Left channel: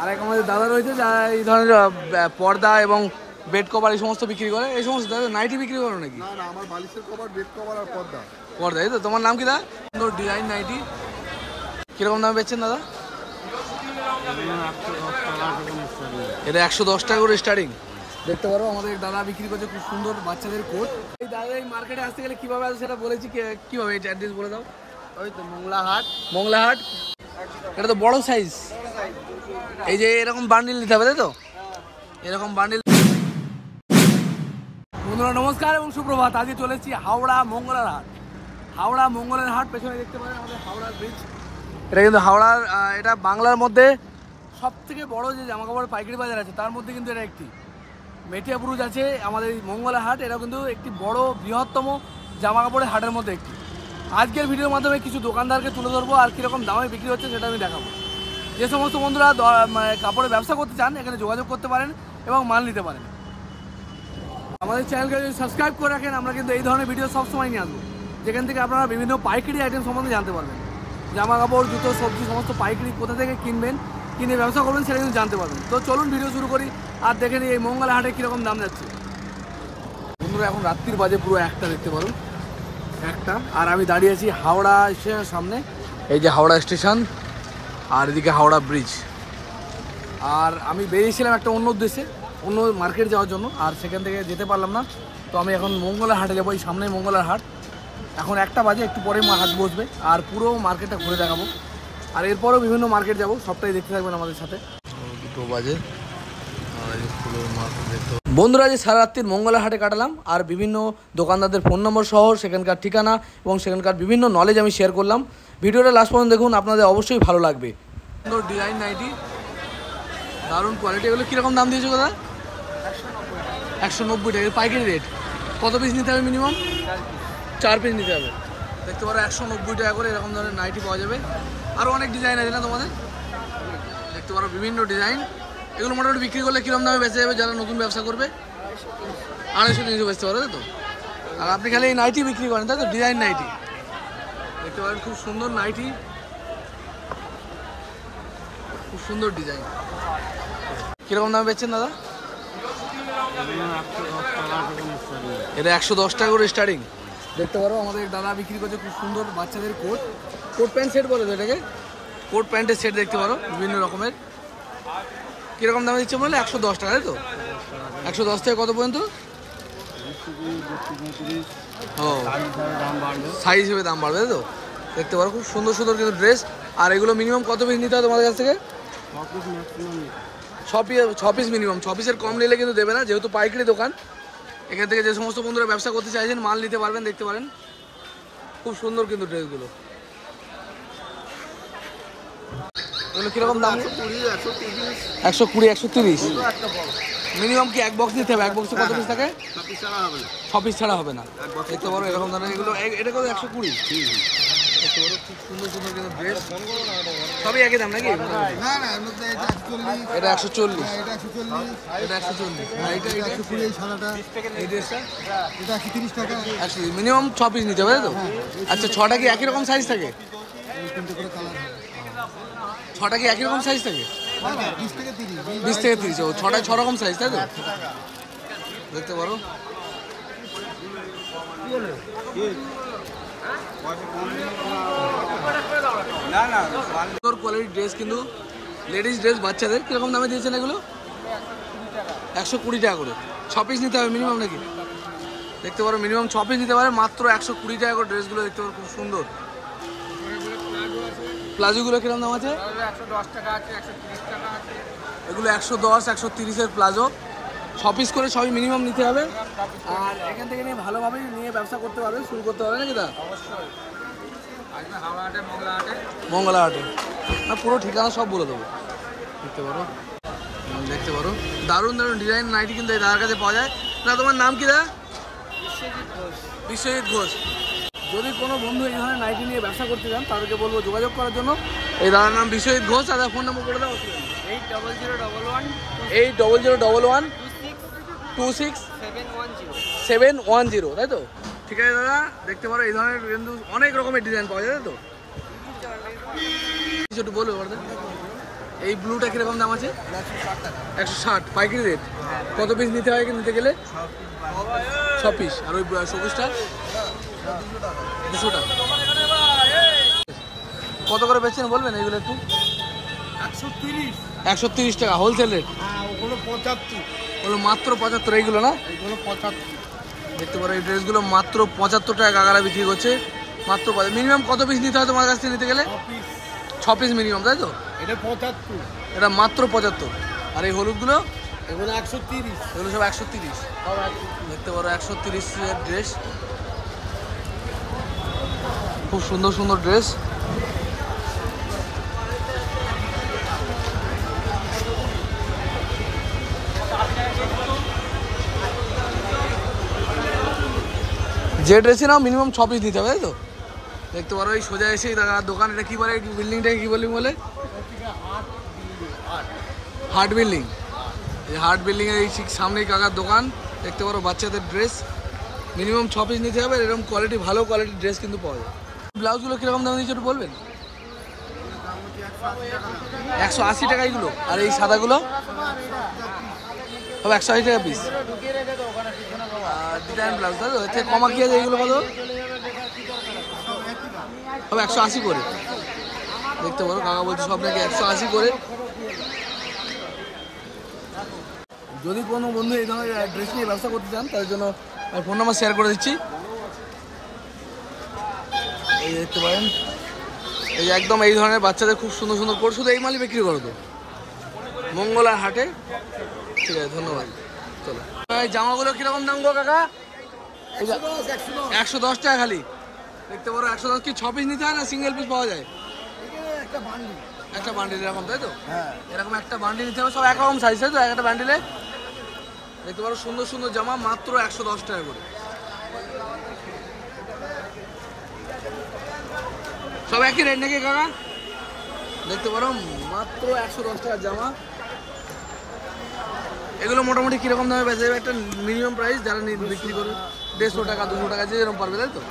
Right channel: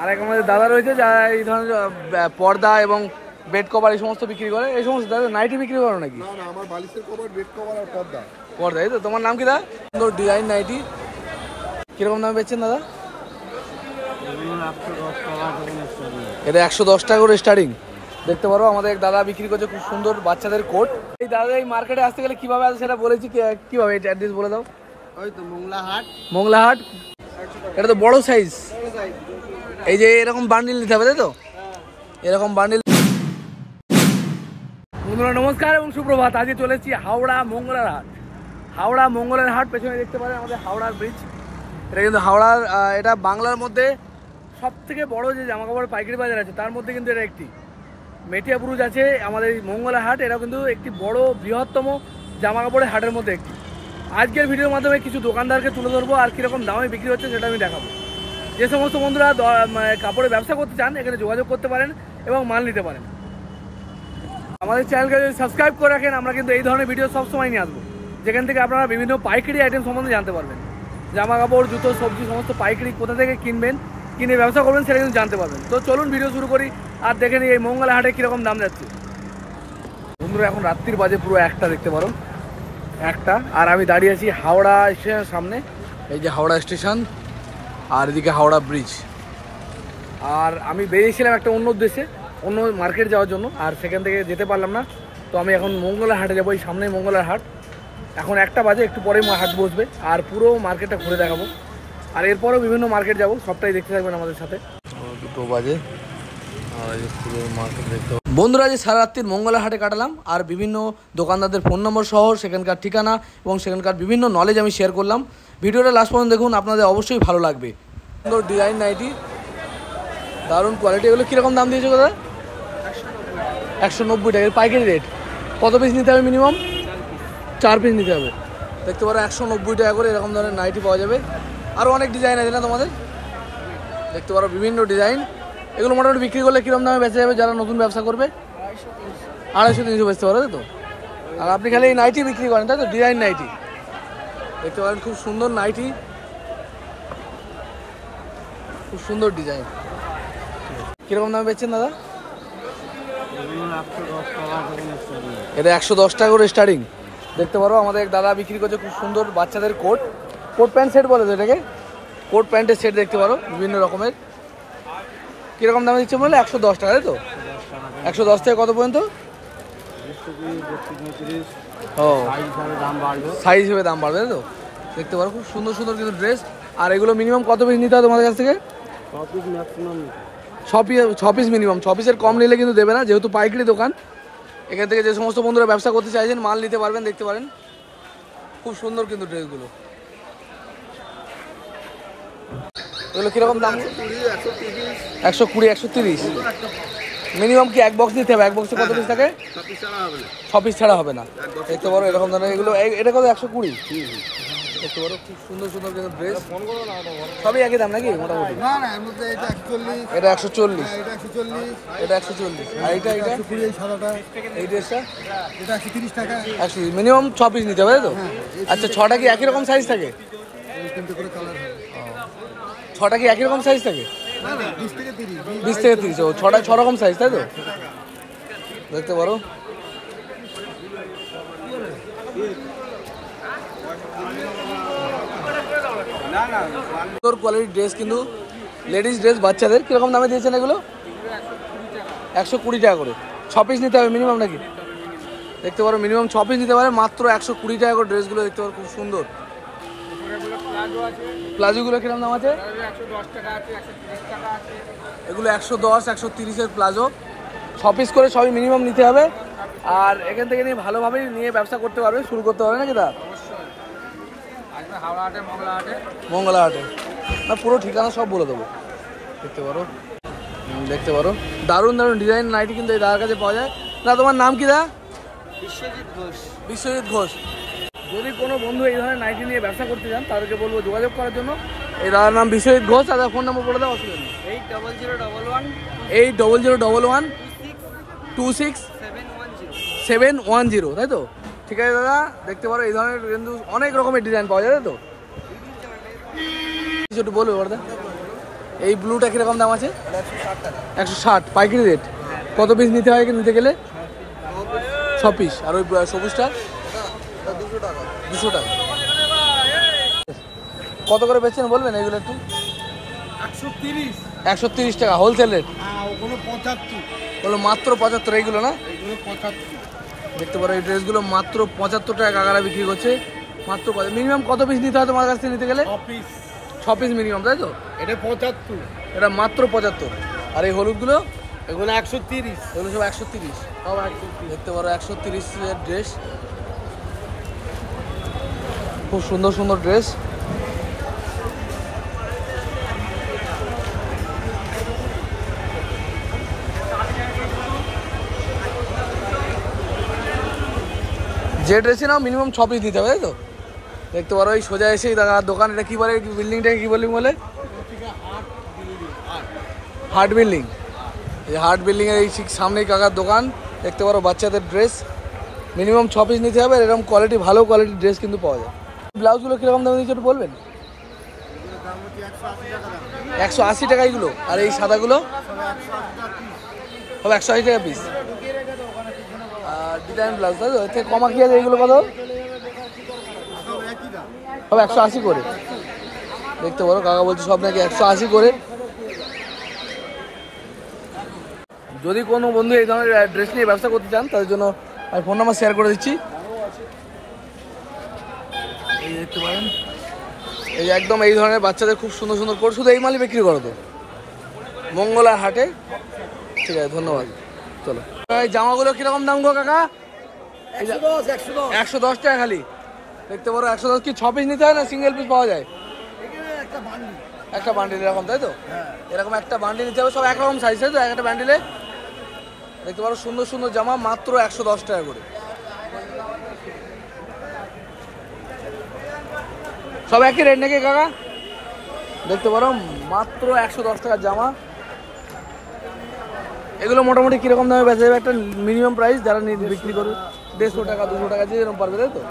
আর এক আমাদের দাদা রয়েছে যারা এই ধরনের পর্দা এবং বেড কভার এই সমস্ত বিক্রি করে। এই সমস্ত দাদা নাইটি বিক্রি করো নাকি? না না, আমার বালিশের কভার, বেড কভার আর পর্দা। পর্দা, এই তো। তোমার নাম কি দাদা? সুন্দর ডিজাইন নাইটি কিরকম দামে বেচছেন দাদা? এটা 110 টাকা করে স্টার্টিং। দেখতে পারো আমাদের এক দাদা বিক্রি করছে খুব সুন্দর বাচ্চাদের কোট। এই দাদা এই মার্কেটে আসতে গেলে কিভাবে আসে সেটা বলেছি, কিভাবে এটা অ্যাড্রেস বলে দাও। ওই তো মোংলাহাট। মোংলাহাট, এটা তো বড় সাইজ। এই যে এরকম বান্ডিল নিতে হবে, তাই তো? এরকম বান্ডিল। বন্ধুরা নমস্কার এবং সুপ্রভাত। আজকে চলেছি হাওড়া মঙ্গলার হাট। হাওড়া মঙ্গলের হাট, পেছনে দেখতে পারেন আমাদের হাওড়ার ব্রিজ। এটা কিন্তু হাওড়ার, এটা বাংলার মধ্যে সব থেকে বড় যে জামাকাপড়ের পাইকারি বাজার আছে তার মধ্যে কিন্তু এটা একটি। মেটিয়াপুরুজ আছে আমাদের এই মঙ্গলা হাট, এটা কিন্তু একটি বড় বৃহত্তম জামাকাপড়ের হাটের মধ্যে একটি। আজকের ভিডিওর মাধ্যমে কিছু দোকানদারকে তুলে ধরবো আর কীরকম দামে বিক্রি হচ্ছে সেটা আমি দেখাবো। যে সমস্ত বন্ধুরা কাপড়ের ব্যবসা করতে চান এখানে যোগাযোগ করতে পারেন এবং মাল নিতে পারেন। আমাদের চ্যানেলকে যদি সাবস্ক্রাইব করে রাখেন, আমরা কিন্তু এই ধরনের ভিডিও সবসময় নিয়ে আসবো, যেখান থেকে আপনারা বিভিন্ন পাইকারি আইটেম সম্বন্ধে জানতে পারবেন। জামা কাপড়, জুতো, সবজি সমস্ত পাইকারি কোথা থেকে কিনবেন, কিনে ব্যবসা করবেন সেটা কিন্তু জানতে পারবেন। তো চলুন ভিডিও শুরু করি আর দেখে নিই এই মঙ্গলা হাটে কীরকম দাম যাচ্ছে। বন্ধুরা এখন রাত্রির বাজে পুরো 1টা, দেখতে পারো 1টা। আর আমি দাঁড়িয়ে আছি হাওড়া স্টেশনের সামনে। এই যে হাওড়া স্টেশন আর এদিকে হাওড়া ব্রিজ। আর আমি বেরিয়েছিলাম একটা অন্য উদ্দেশ্যে, অন্য মার্কেট যাওয়ার জন্য, আর সেখান থেকে যেতে পারলাম না। তো আমি এখন মঙ্গলার হাটে যাবো, এই সামনেই মঙ্গলার হাট। এখন 1টা বাজে, একটু পরে হাট বসবে আর পুরো মার্কেটটা ঘুরে দেখাবো। আর এরপরেও বিভিন্ন মার্কেট যাবো, সবটাই দেখতে থাকবেন আমাদের সাথে। 2 বাজে আর এই পুরো মার্কেট দেখতে। বন্ধুরা যে সারা রাত্রির মঙ্গলা হাটে কাটালাম আর বিভিন্ন দোকানদারদের ফোন নম্বর সহ সেখানকার ঠিকানা এবং সেখানকার বিভিন্ন নলেজ আমি শেয়ার করলাম। ভিডিওটা লাস্ট পর্যন্ত দেখুন, আপনাদের অবশ্যই ভালো লাগবে। সুন্দর ডিজাইন নাইটি, দারুণ কোয়ালিটি। এগুলো কীরকম দাম দিয়েছো দাদা? 190 টাকা পাইকারি রেট। কত পিস নিতে হবে? মিনিমাম 4 পিস নিতে হবে। দেখতে পারো 190 টাকা করে এরকম ধরনের নাইটি পাওয়া যাবে। আরও অনেক ডিজাইন আছে না তোমাদের? দেখতে পারো বিভিন্ন ডিজাইন। এগুলো মোটামুটি বিক্রি করলে কীরকম দামে বেঁচে যাবে যারা নতুন ব্যবসা করবে? 250-300 বেচতে পারো, তাই তো? আর আপনি খালি এই নাইটি বিক্রি করেন, তাই তো? ডিজাইন নাইটি দেখতে পারেন, খুব সুন্দর নাইটি, খুব সুন্দর ডিজাইন। কীরকম দামে বেচছেন দাদা? এটা 110 টাকা করে স্টার্টিং। দেখতে পারো আমাদের এক দাদা বিক্রি করছে খুব সুন্দর বাচ্চাদের কোট, কোট প্যান্ট সেট বলে তো এটাকে, কোট প্যান্টের সেট দেখতে পারো বিভিন্ন রকমের। কীরকম দামে দিচ্ছে বললে? 110 টাকা, তাই তো? 110 থেকে কত পর্যন্ত? ও, সাইজ হিসেবে দাম বাড়বে, তাই তো? দেখতে পারো খুব সুন্দর সুন্দর কিন্তু ড্রেস। আর এগুলো মিনিমাম কত পিস নিতে হয় তোমাদের কাছ থেকে? 6 পিস মিনিমাম। 6 পিসের কম নিলে কিন্তু দেবে না, যেহেতু পাইকারি দোকান। এখান থেকে যে সমস্ত বন্ধুরা ব্যবসা করতে চাইছেন মাল নিতে পারবেন। দেখতে পারেন খুব সুন্দর কিন্তু ড্রেসগুলো। এগুলো কীরকম দাম? 120, 130 মিনিমাম। কি এক বক্স নিতে হবে? এক বক্সে কত পিস থাকে? 6 পিস ছাড়া হবে না। দেখতে পারো এরকম ধরনের এগুলো। এটা কত? 120। দেখতে পারো খুব সুন্দর সুন্দর কিন্তু ড্রেস। সবই একই দাম নাকি মোটামুটি? এটা 140, এটা 140। আর এইটা এই ড্রেসটা এটা 130 টাকা। 130 মিনিমাম। 6 পিস নিতে হবে, তাই তো? আচ্ছা, 6টা কি একই রকম সাইজ থাকে? 6টা কি একই রকম সাইজ থাকে? 20 থেকে 30। ও, 6টায় 6 রকম সাইজ, তাই তো? দেখতে পারো সুন্দর কোয়ালিটির ড্রেস, কিন্তু লেডিস ড্রেস বাচ্চাদের। কীরকম দামে দিয়েছেন এগুলো? 120 টাকা করে। 6 পিস নিতে হবে মিনিমাম নাকি? দেখতে পারো মিনিমাম 6 পিস নিতে পারে, মাত্র 120 টাকা করে ড্রেসগুলো। দেখতে পারো খুব সুন্দর। প্লাজোগুলো কীরকম দাম আছে? 110 টাকা আছে, 130 টাকা। এগুলো 110, 130-এর প্লাজো। 6 পিস করে সবই মিনিমাম নিতে হবে। আর এখান থেকে নিয়ে ভালোভাবেই নিয়ে ব্যবসা করতে পারবে, শুরু করতে পারবে নাকি দা? মঙ্গলা হাটে না, পুরো ঠিকানা সব বলে দেবো। দেখতে পারো, দেখতে পারো দারুণ দারুণ ডিজাইন নাইটি কিন্তু এই দাদার কাছে পাওয়া যায়। না, তোমার নাম কি দা? বিশ্বজিৎ ঘোষ। বিশ্বজিৎ ঘোষ। যদি কোনো বন্ধু এই ধরনের নাইটি নিয়ে ব্যবসা করতে চান তাদেরকে বলবো যোগাযোগ করার জন্য। এই দাদার নাম বিশ্বজিৎ ঘোষ। আর ফোন নম্বর বলে দাও। 8001 26-710, তাই তো? ঠিক আছে দাদা, দেখতে পারো এই ধরনের কিন্তু অনেক রকমের ডিজাইন পাওয়া যায়, তাই তো? কিছু একটু বলবে দাদা। এই ব্লুটা কিরকম দাম আছে? 160 পাইকারি রেট। কত পিস নিতে হয় নিতে গেলে? 6 পিস। আর ওই সবুজটা 200 টাকা। কত করে বেচছেন বলবেন এইগুলো একটু? 130 টাকা হোলসেল রেট। ওগুলো 75, বলো মাত্র 75 এইগুলো না? এগুলো 75। দেখতে পারো এই ড্রেসগুলো মাত্র 75 টাকা কাকারা বিক্রি করছে। মাত্র মিনিমাম কত পিস নিতে হয় তোমার কাছ থেকে নিতে গেলে? 6 পিস মিনিমাম, তাই তো? এটা 75, এটা মাত্র 75। আর এই হলুদগুলো? এগুলো 130। এগুলো সব 130। দেখতে পারো 130 এর ড্রেস, খুব সুন্দর সুন্দর ড্রেস। যে ড্রেসই নাও মিনিমাম 6 পিস দিতে হবে, তাই তো? দেখতে পারো এই সোজা এসেই দোকান, এটা কি বলে বিল্ডিংটাকে, কি বিল্ডিং বলে? Heart building. এই হার্ট বিল্ডিং এর এই ঠিক সামনেই কাকার দোকান। দেখতে পারো বাচ্চাদের ড্রেস মিনিমাম 6 পিস নিতে হবে। এরকম কোয়ালিটি, ভালো কোয়ালিটির ড্রেস কিন্তু পাওয়া যায়। ব্লাউজগুলো কিরকম দামে দিচ্ছে একটু বলবেন? 180 টাকা এগুলো। আর এই সাদাগুলো সব 180 টাকা পিস। আর ডিজাইন ব্লাউজ, তাই তো? এর থেকে কমা কি আছে? এইগুলো কত? সব 180 করে। দেখতে পারো কাকা বলছে সব নাকি 180 করে। যদি কোনো বন্ধু এই ধরনের ড্রেস নিয়ে ব্যবসা করতে চান তাদের জন্য আমি ফোন নাম্বার শেয়ার করে দিচ্ছি। এই দেখতে পারেন, এই যে একদম এই ধরনের বাচ্চাদের খুব সুন্দর সুন্দর কোট। শুধু এই মালই বিক্রি করো তো মঙ্গলা হাটে? ঠিক আছে, ধন্যবাদ। চলো, এই জামাগুলো কিরকম দাম গো কাকা? 110 টাকা খালি। দেখতে পারো 110। কি 6 পিস নিতে হয় না সিঙ্গেল পিস পাওয়া যায়? একটা বান্ডিল এরকম, তাই তো? এরকম একটা বান্ডিল নিতে হবে, সব একরকম সাইজ, তাই তো? একটা বান্ডিলে দেখতে পারো সুন্দর সুন্দর জামা মাত্র 110 টাকা করে। সব একই রেট নাকি কাকা? দেখতে পারো মাত্র 110 টাকার জামা। এগুলো মোটামুটি কিরকম দামে বেচা যাবে? একটা মিনিমাম প্রাইস যারা বিক্রি করবে 150 টাকা 200 টাকা যে যেরকম পারবে, তাই তো?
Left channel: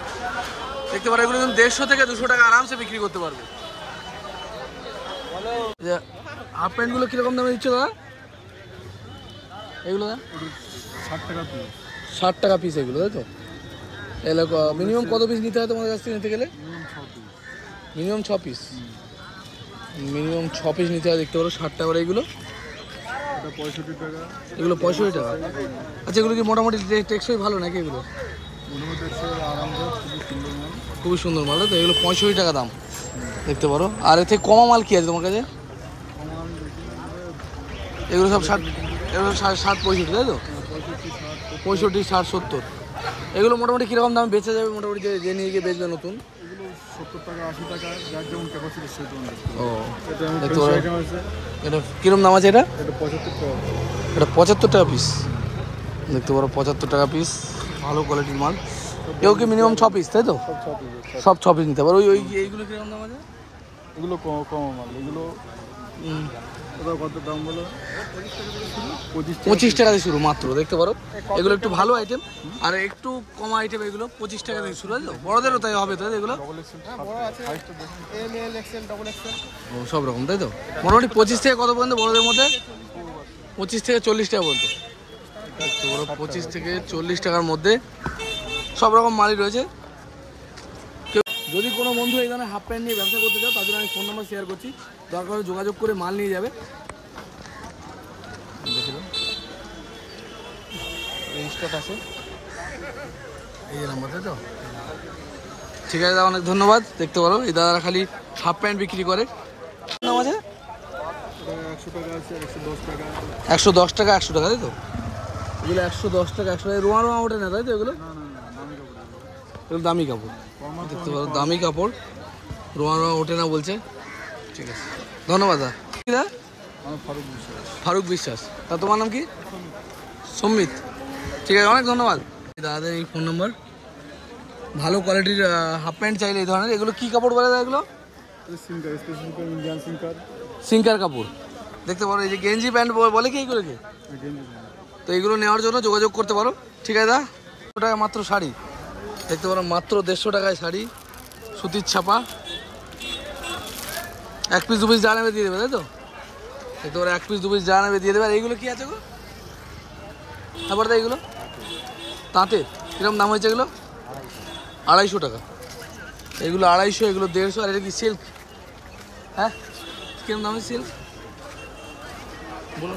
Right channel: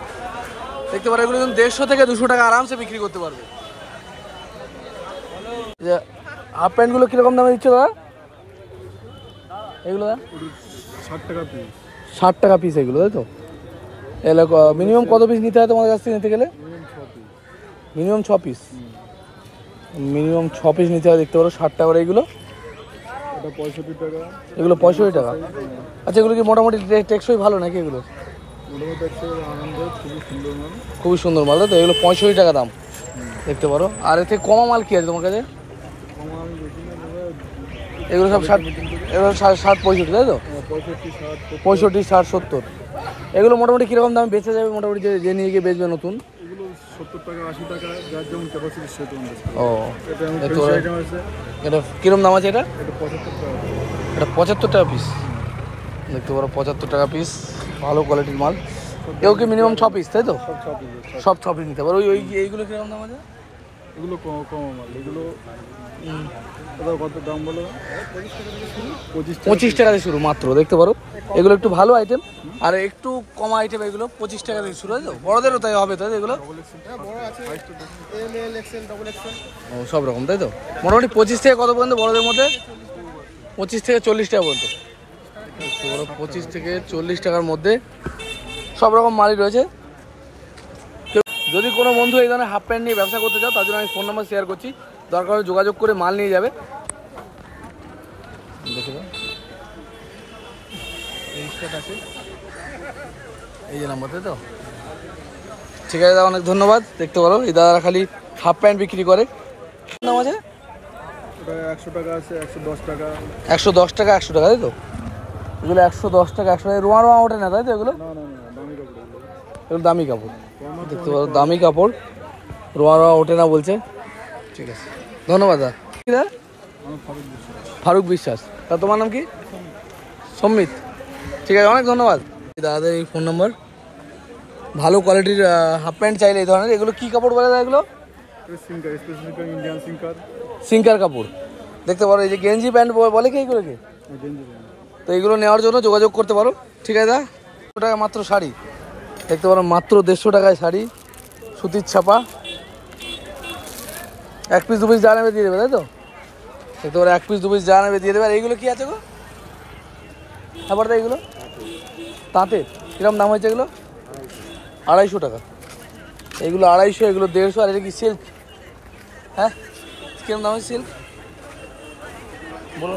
দেখতে পারো এগুলো কিন্তু 150 থেকে 200 টাকা আরামসে বিক্রি করতে পারবে। হাফ প্যান্টগুলো কিরকম দামে দিচ্ছে দাদা এগুলো? 60 টাকা পিস। 60 টাকা পিস এগুলো, তাই তো? এলাকা মিনিমাম কত পিস নিতে হয় তোমার কাছ থেকে নিতে গেলে? Minimum 6 piece. মিনিমাম 6 পিস নিতে হয়। দেখতে পারো 60 টাকা করে এগুলো। এটা 65 টাকা। এগুলো 65 টাকা। আচ্ছা, এগুলো কি মোটামুটি টেকসই ভালো নাকি এগুলো? খুবই সুন্দর মাল, তাই তো? এগুলো 65 টাকা দাম। দেখতে পারো। আর এর থেকে কমা মাল কি আছে তোমার কাছে? এগুলো সব 60, এগুলো 60 65, তাই তো? 65 60 70। এগুলো মোটামুটি কিরকম দামে বেচে যাবে মোটামুটি যে নিয়ে গিয়ে বেচবে নতুন? এগুলো 70 টাকা 80 টাকা, যার যেমন ক্যাপাসিটি সেরকম। ও, এটা কিরকম দাম আছে? এটা 75 টাকা। এটা 75 টাকা পিস। দেখতে পারো 75 টাকা পিস, ভালো কোয়ালিটির মাল। এও কি মিনিমাম 6 পিস, তাই তো? সব 6 পিস নিতে পারো। ওই এইগুলো কিরকম দাম আছে? এগুলো কম মাল। এগুলো কত দাম বলো? 25 টাকা থেকে শুরু মাত্র। দেখতে পারো এগুলো একটু ভালো আইটেম, আর একটু কম আইটেম এগুলো 25 টাকা থেকে শুরু, তাই তো? বড়দেরও তাই হবে, তাই এগুলো? ও, সব রকম, তাই তো? মোটামুটি 25 থেকে কত পর্যন্ত বড়দের মধ্যে? 25 থেকে 40 টাকা পর্যন্ত। দেখতে পারো 25 থেকে 40 টাকার মধ্যে সব রকম মালই রয়েছে। যদি কোনো বন্ধু এই ধরনের হাফ প্যান্ট নিয়ে ব্যবসা করতে চাও তার জন্য আমি ফোন নাম্বার শেয়ার করছি, দরকার হলে যোগাযোগ করে মাল নিয়ে যাবে। দেখে দাও, এই স্টক আছে, এই যে নাম্বার, তাই তো? ঠিক আছে দাদা, অনেক ধন্যবাদ। দেখতে পারো এই দাদারা খালি হাফ প্যান্ট বিক্রি করে। নাম আছে? 100 টাকা আছে, 110 টাকা। 110 টাকা 100 টাকা, তাই তো? এগুলো 110 টাকা 100 টাকা। রোয়া রোয়া ওঠে না, তাই তো? এগুলো এগুলো দামি কাপড়। দেখতে পারো দামি কাপড়, রোয়া রোয়া ওঠে না বলছে। ঠিক আছে, ধন্যবাদ দাদা। কি দাদা? ফারুক বিশ্বাস। তা তোমার নাম কি? সম্মিত। ঠিক আছে, অনেক ধন্যবাদ দাদাদের। এই ফোন নম্বর। ভালো কোয়ালিটির হাফ প্যান্ট চাইলে এই ধরনের, এগুলো কি কাপড় বলে দাদা? এগুলো ইন্ডিয়ান সিঙ্কার কাপড়। দেখতে পারো এই যে গেঞ্জি প্যান্ট বলে কি এইগুলোকে? তো এইগুলো নেওয়ার জন্য যোগাযোগ করতে পারো। ঠিক আছে দাদা। 100 টাকা মাত্র শাড়ি। দেখতে পারো মাত্র 150 টাকায় শাড়ি, সুতির ছাপা। 1 পিস 2 পিস যা নেবে দিয়ে দেবে, তাই তো? দেখতে পারো 1 পিস 2 পিস যা নেবে দিয়ে দেবে। আর এইগুলো কি আছে গো? তারপর এইগুলো তাঁতের কিরকম দাম হয়েছে? এগুলো 250 টাকা, এগুলো 250, এগুলো 150। আর এটা কি সিল্ক? হ্যাঁ, কিরকম দাম হয়েছে সিল্ক বলো,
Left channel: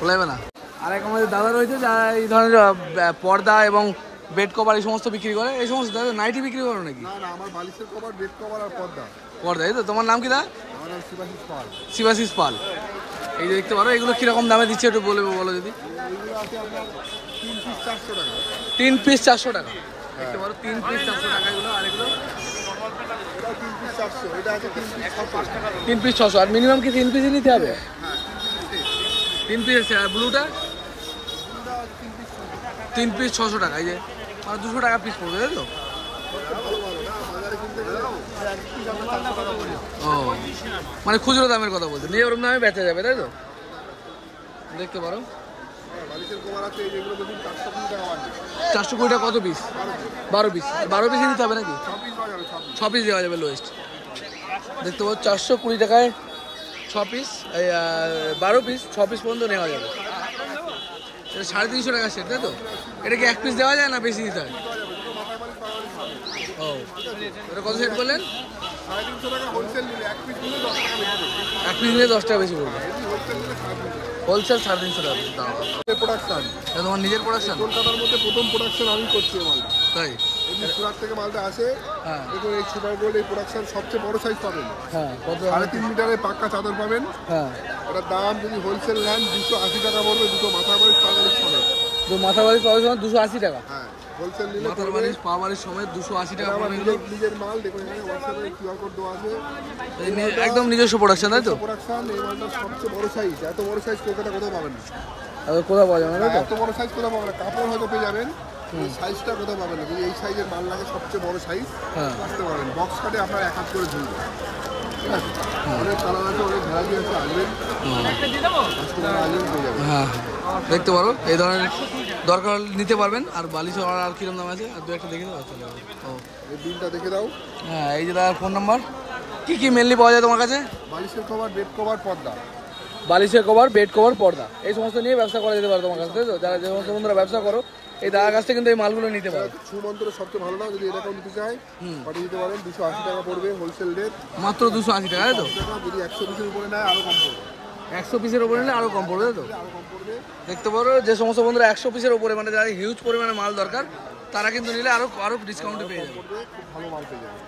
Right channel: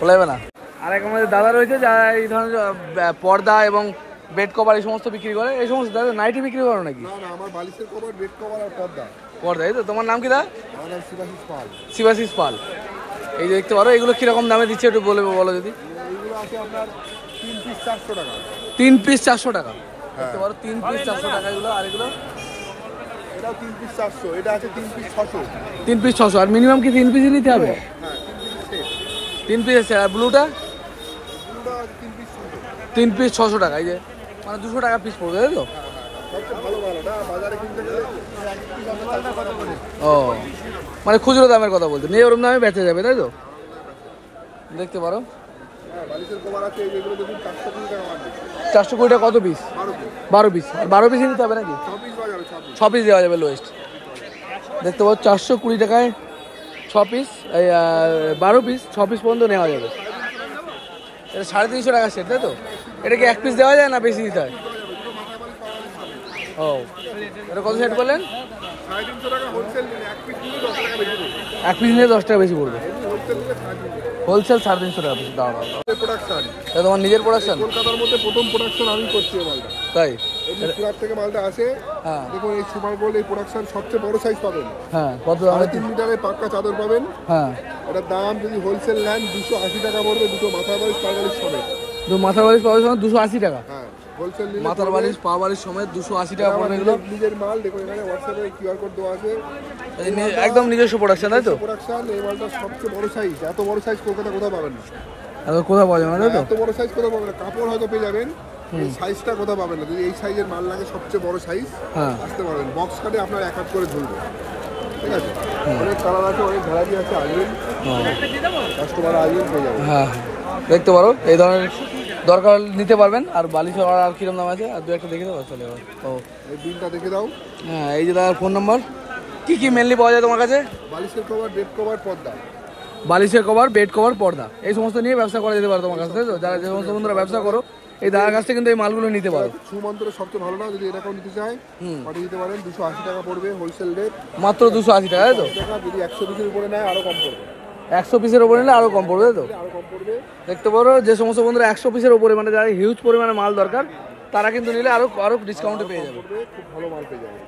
বলা যাবে না। আর এক আমাদের দাদা রয়েছে যারা এই ধরনের পর্দা এবং বেড কভার এই সমস্ত বিক্রি করে। এই সমস্ত দাদা নাইটি বিক্রি করো নাকি? না না, আমার বালিশের কভার, বেড কভার আর পর্দা। পর্দা, এই তো। তোমার নাম কি দা? আমার নাম শিবাশিস পাল। শিবাশিস পাল। এই যে দেখতে পারো, এগুলো কিরকম দামে দিচ্ছে একটু বলো যদি। এইগুলো আছে আপনার 3 পিস 400 টাকা। 3 পিস 400 টাকা, দেখতে পারো 3 পিস 400 টাকা এগুলো। আর এগুলো 3 পিস 400, এটা আছে 3 পিস 600। 3 পিস 600। আর মিনিমাম কি 3 পিসই নিতে হবে? হ্যাঁ, 3 পিস আছে। আর ব্লুটা? ব্লুটা আছে 3 পিস 600। 3 পিস 600 টাকা। এই যে মানে 200 টাকা পিস পড়বে, তাই তো? সবচেয়ে ভালো মাল এটা, বাজারে কিনতে গেলে এক পিস আপনার 400 টাকা পড়বে। ও, মানে খুচরো দামের কথা বলতে নিয়ে ওরকম দামে বেচে যাবে, তাই তো? দেখতে পারো বালিশের কভার আছে এগুলো দেখুন 420 টাকা মাল। 420 টাকা কত পিস? 12 পিস। 12 পিসই নিতে হবে নাকি? 6 পিস হয়ে যাবে, 6 পিস দেওয়া যাবে লোয়েস্ট। দেখতে পাবো 420 টাকায় 6 পিস, এই 12 পিস 6 পিস পর্যন্ত নেওয়া যাবে। এটা 350 টাকা সেট, তাই তো? এটা কি 1 পিস দেওয়া যায় না বেশি দিতে হয়? ও, এটা কত সেট বললেন? 350 টাকা হোলসেল নিলে, এক পিস নিলে 10 টাকা বেশি পড়বে। 1 পিস নিলে 10 টাকা বেশি পড়বে। হোলসেল নিলে 350। হোলসেল 350 টাকা বেশি দাম। প্রোডাকশন, এটা তোমার নিজের প্রোডাকশন? কলকাতার মধ্যে প্রথম প্রোডাকশন আমি করছি এই মালটা। তাই? এই সুরাত থেকে মালটা আসে। হ্যাঁ দেখুন এই সুপার গোল্ড, এই প্রোডাকশন সবচেয়ে বড় সাইজ পাবেন। হ্যাঁ, কত? 3.5 মিটারের পাক্কা চাদর পাবেন। হ্যাঁ, এটার দাম যদি হোলসেল নেন 280 টাকা পড়বে, দুটো মাথা বালিশ পা বালিশ সমেত। মাথার বালিশ পাওয়ার জন্য 280 টাকা। হ্যাঁ, হোলসেল নিলে মাথার বালিশ পা বালিশ সমেত 280 টাকা পড়বে এগুলো। নিজের মাল দেখুন, এখানে হোয়াটসঅ্যাপে কিউআর কোড দেওয়া আছে। একদম নিজস্ব প্রোডাকশন, তাই তো? প্রোডাকশন, এই মালটা সবচেয়ে বড় সাইজ। এত বড় সাইজ কলকাতা কোথাও পাবেন না। কোথাও পাওয়া যাবে না, তাই তো? এত বড় সাইজ কোথাও পাবেন না। কাপড় হয়তো পেয়ে যাবেন, এই সাইজটা কোথাও পাবেন না। যদি এই সাইজের মাল লাগে, সবচেয়ে বড় সাইজ হ্যাঁ, আসতে পারবেন। বক্স কাটে আপনার এক হাত করে ঝুলবে, ঠিক আছে? অনেক কালার আছে, অনেক ভ্যারাইটি আছে, আসবেন কাস্টমার আসবেন পেয়ে যাবেন। হ্যাঁ, দেখতে পারো এই ধরনের দরকার নিতে পারবেন। আর বালিশ আর কিরম দাম আছে? আর দু একটা দেখে দেবো, চলে যাবো। ও এই বিলটা দেখে দাও। হ্যাঁ, এই যে দাদার ফোন নাম্বার। কি কি মেনলি পাওয়া যায় তোমার কাছে? বালিশের কভার, বেড কভার, পর্দা। বালিশের কভার, বেড কভার, পর্দা, এই সমস্ত নিয়ে ব্যবসা করা যেতে পারে তোমার কাছে, তাই তো? যারা যে সমস্ত বন্ধুরা ব্যবসা করো, এই দাদার কাছ থেকে কিন্তু এই মালগুলো নিতে পারো। সুমন্ত্রের সবচেয়ে ভালো না, যদি এরকম নিতে চায় পাঠিয়ে দিতে পারেন। 280 টাকা পড়বে হোলসেল রেট, মাত্র 280 টাকা, তাই তো? টাকা। যদি 100 পিসের উপরে নেয় আরো কম পড়বে। 100 পিসের উপরে নিলে আরো কম পড়বে, তাই তো? আরো কম পড়বে। দেখতে পারো যে সমস্ত বন্ধুরা 100 পিসের উপরে, মানে যারা হিউজ পরিমাণে মাল দরকার, তারা কিন্তু নিলে আরো আরো ডিসকাউন্টে পেয়ে যাবে। পড়বে, খুব ভালো মাল পেয়ে যাবে।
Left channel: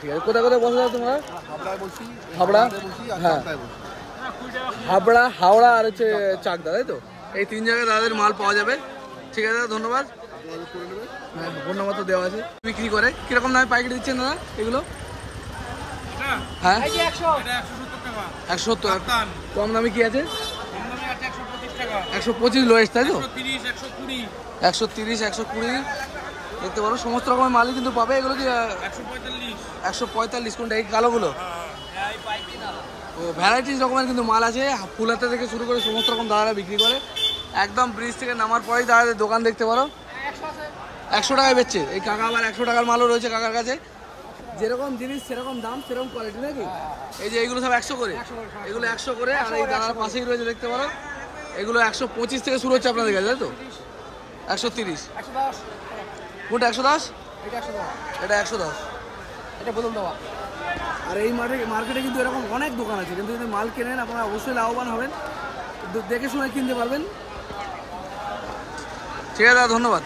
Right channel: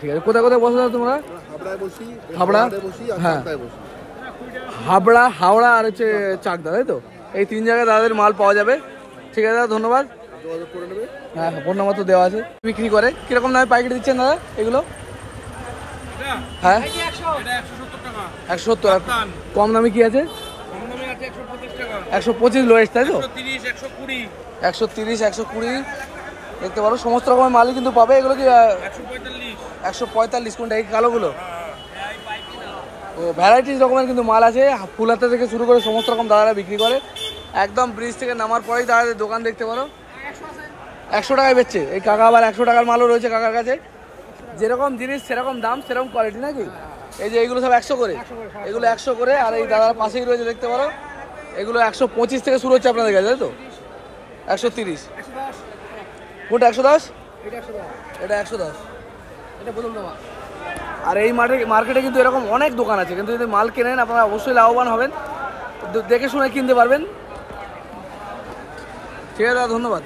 ঠিক আছে, কোথায় কোথায় বসে তোমরা? হাবড়ায় বসি, হাবড়া? হাবড়ায় বসি আর চাকদায় বসি। হাবড়া, হাওড়া আর হচ্ছে চাকদা, তাই তো? এই 3 জায়গায় দাদাদের মাল পাওয়া যাবে। ঠিক আছে দাদা, ধন্যবাদ। যোগাযোগ করে নেবে। হ্যাঁ, ফোন নাম্বার তো দেওয়া আছে। বিক্রি করে কিরকম দামে পাইকারি দিচ্ছেন দাদা এগুলো? হ্যাঁ, 170 টাকা। কম দামে কি আছে? 125 লোয়েস্ট, তাই তো? 130, 120। দেখতে পারো সমস্ত রকমের মালই কিন্তু পাবে। এগুলো কি 145? কোনটা? এই কালোগুলো? ও, ভ্যারাইটিস রকমের কিন্তু মাল আছে। ফুল হাতা থেকে শুরু করে সমস্ত রকম দাদারা বিক্রি করে। একদম ব্রিজ থেকে নামার পরেই দাদাদের দোকান দেখতে পারো। 100 টাকায় বেচছে এই কাকা। আবার 100 টাকার মালও রয়েছে কাকার কাছে। যেরকম জিনিস সেরকম দাম, সেরকম কোয়ালিটি, নাকি? এই যে এগুলো সব 100 করে, এগুলো 100 করে। আর এই দাদার পাশেই রয়েছে, দেখতে পারো, এগুলো 125 থেকে শুরু হচ্ছে আপনাদের কাছে, তাই তো? 130। কোনটা 110? এটা 110। আর এই মার্কেটে কিন্তু এরকম অনেক দোকান আছে, কিন্তু যদি মাল কেনেন আপনারা অবশ্যই লাভবান হবেন। দেখে শুনে কিনতে পারবেন। ঠিক আছে দাদা, ধন্যবাদ।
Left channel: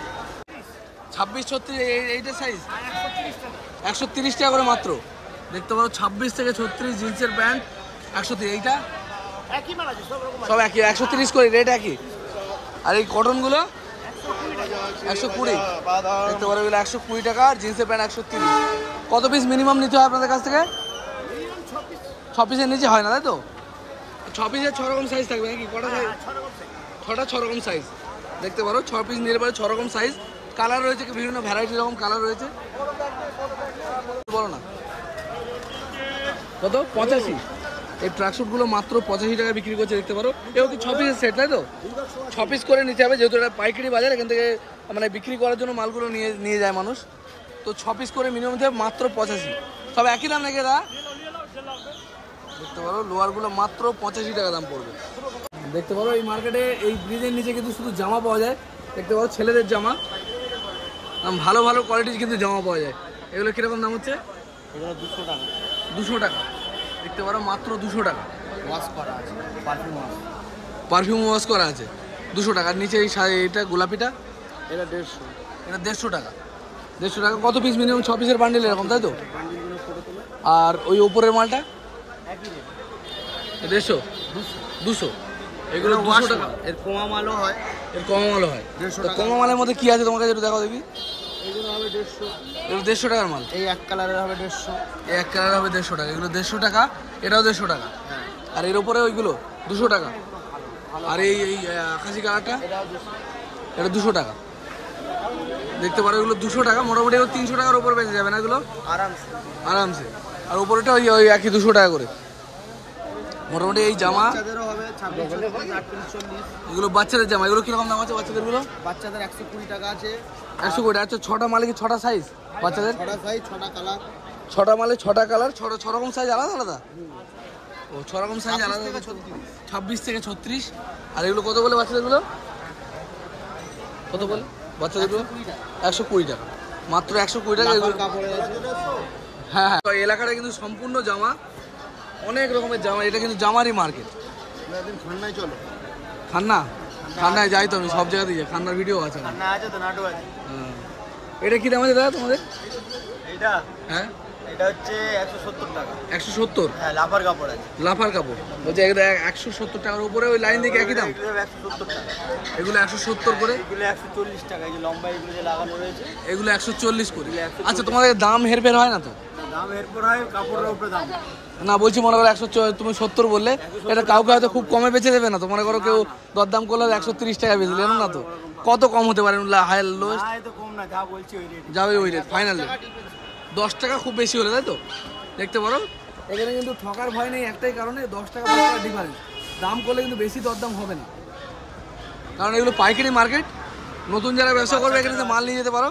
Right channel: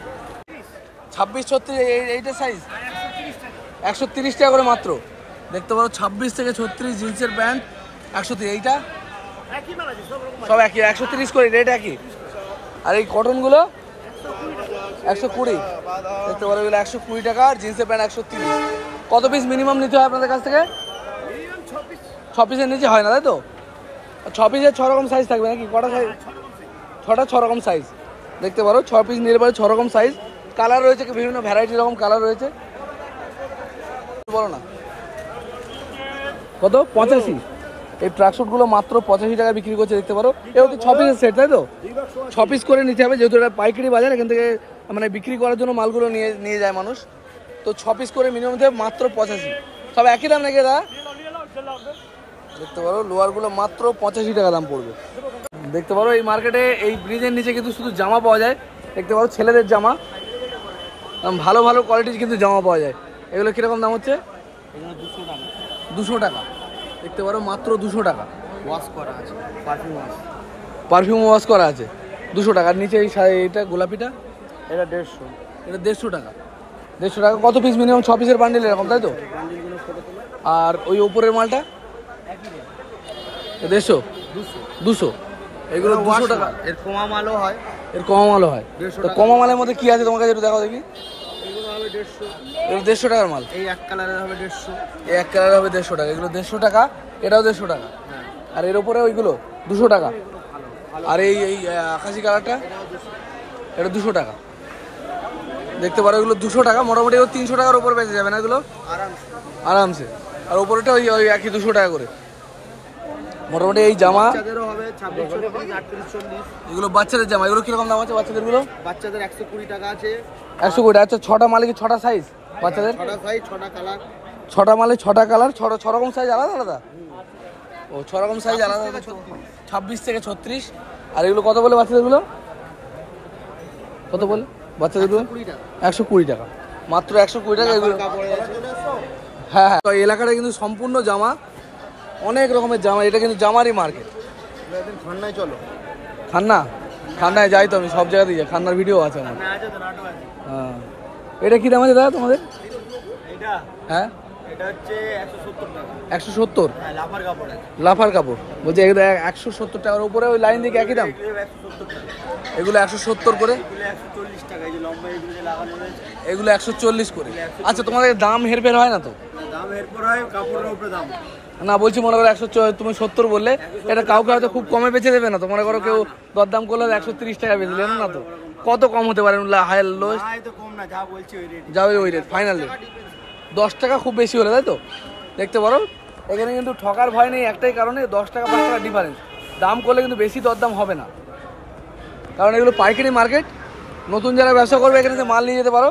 26-36 এইটার সাইজ 130 টাকা করে মাত্র। দেখতে পারো 26 থেকে 36 জিন্সের প্যান্ট 130। এইটা সব একই 130 করে, রেট একই। আর এই কটনগুলো 120। দেখতে পারো এগুলো 120 টাকা। আর জিন্সের প্যান্ট 130। কত পিস মিনিমাম নিতে হয় আপনাদের কাছ থেকে? 6 পিসের নিচে হয় না, তাই তো? 6 পিসের 6 রকম সাইজ থাকবে নাকি? কটা সাইজ? 6টা 6 রকম সাইজ। দেখতে পারো 6 পিস নিলে পরে 6 রকম সাইজ। কালার রয়েছে, বিভিন্ন ভ্যারাইটি রকম কালার রয়েছে। বলো না কত? 85। এই ট্রাকশুটগুলো মাত্র 85 টাকা বিক্রি করছে, দেখতে পারো। এও কি 6 পিসের সেট, তাই তো? 6 পিস করে নিতে হবে, যেহেতু এটা পাইকারি বাজার। এখান থেকে মানে বিক্রি করার জন্য মালগুলো নিয়ে যায় মানুষ। তো 6 পিস করে মিনিমাম মাত্র 85। সব একই দাম নাকি দাদা? দেখতে পারো লোয়ারগুলো মাত্র 85 টাকা দাম পড়বে। দেখতে পারো এই মার্কেটে এই ব্রিজের নিচে কিন্তু শুধু জামা পাওয়া যায়। দেখতে পারো ছেলেদের জামা, ভালো ভালো কোয়ালিটির কিন্তু জামা পাওয়া যায়। এগুলো কীরকম দাম হচ্ছে? এগুলো 200 টাকা। 200 টাকা। দেখতে পারো মাত্র 200 টাকা। ওয়াশ করা আছে, পারফিউম ওয়াশ করা আছে 200 টাকা। আর নিচে এইটা গোলাপিটা এটা 150। এটা 150 টাকা। 150 টাকা। কত পিস? মিনিমাম 6 পিসের বান্ডিল এরকম, তাই তো? বান্ডিলগুলো ফটো তোলো। আর ওই উপরের মালটা একই রেট, 150, 200। এগুলো 200 টাকা। এর কমা মালও হয়, এর কমা মালও হয়। 150 তো টাকা। কমা মালের মধ্যে কি আছে তোমার কাছে একটু দেখাও দেখি। এগুলো হবে 150। এগুলো 150 টাকার মাল। এই এক কালারের হবে 150। এই এক কালার হবে 150 টাকা। এগুলো 150 টাকা, এটাও 150 টাকা। হ্যাঁ, আর এর উপরে ওইগুলো 200 টাকা। আর এই এই আকাশি কালারটা এটা 200 টাকা। দেখতে পারো এগুলো 200 টাকা। মোটামুটি এগুলো 300 টাকার উপর বেঁচে যাবে না এগুলো আরামসে। আরামসে। আর উপরেটা ওই ওই একই 200 টাকা করে। মোটামুটি এই জামা বাচ্চাদেরও হবে 26, 36, 38, 40। এগুলো বাচ্চাদের জামা। এগুলো কিরকম দাম আছে বাচ্চাদেরগুলো? বাচ্চাদের 120 টাকা আছে। 120 টাকা। আচ্ছা 6টা মালে কি 6টা সাইজ বাচ্চাদের? 6টা সাইজ, 6টা কালার। 6টা মালে 6টা কালার, 6 রকম সাইজ আলাদা আলাদা? ও 6 রকম সাইজ আলাদা। 26 থেকে 36। আর এগুলো কত বলে বাচ্চাদেরগুলো? কত বলে বাচ্চাদেরগুলো? 120 টাকা। 120 টাকা। মাত্র 120 টাকা এগুলো। কাপড়ে আছে। হ্যাঁ হ্যাঁ, এই এলাকাটা কিন্তু সম্পূর্ণ জামা, অনেক রকমের জামা। এটা কিন্তু জামারই মার্কেট। একদিন ঠান্ডায় চলো। ঠান্ডায় যাই তো আমি, সব জায়গাতেই যাই। ঠান্ডার ভিডিও আছে আমার। না আছে তো, নাটু আছে। হ্যাঁ। এটা কি দাম আছে দাদা তোমাদের? এইটা হ্যাঁ এটা হচ্ছে 170 টাকা। 170। হ্যাঁ, লাফার কাপড় আছে। লাফার কাপড় বলছে এগুলো 170 টাকার উপরে। ওই লাইন দিকে একই দাম? এগুলো 170 টাকা। এগুলো 170 করে। এগুলো 140 টাকা। এই যে লম্বা এগুলো যে লাগানো রয়েছে, এগুলো 140 করে। আচ্ছা তোমাদের দাম হেরফের হয় না তো? না দাম এরপর হয়, কাপড়ের উপরে দাম। না বলছি মনে করো 140, তুমি 70 বললে, এটা কাউকে হয়তো খুব কমে বেচে দেবে না তো? মনে করো কেউ দরদাম করলে 130 টাকা বেচে দেবে না তো? কত কম হতে পারে? হাই লো না এই তো কম না, যা বলছি ওই রেট। যাবে ওই রেট, ফাইনাল রেট 10 টাকা খুব বেশি হলে, তাই তো? দেখতে পারো এখানে কিন্তু ঠকার ভয় নেই, একটাই কারণে 10 টাকা 5 টাকা ডিফারেন্স। দাম করলে কিন্তু বেশি দরদাম হবে না, কারণ এগুলো পাইকারি মার্কেট। নতুন যারা ব্যবসা করবে এখানে মাল নিয়ে যেতে পারো।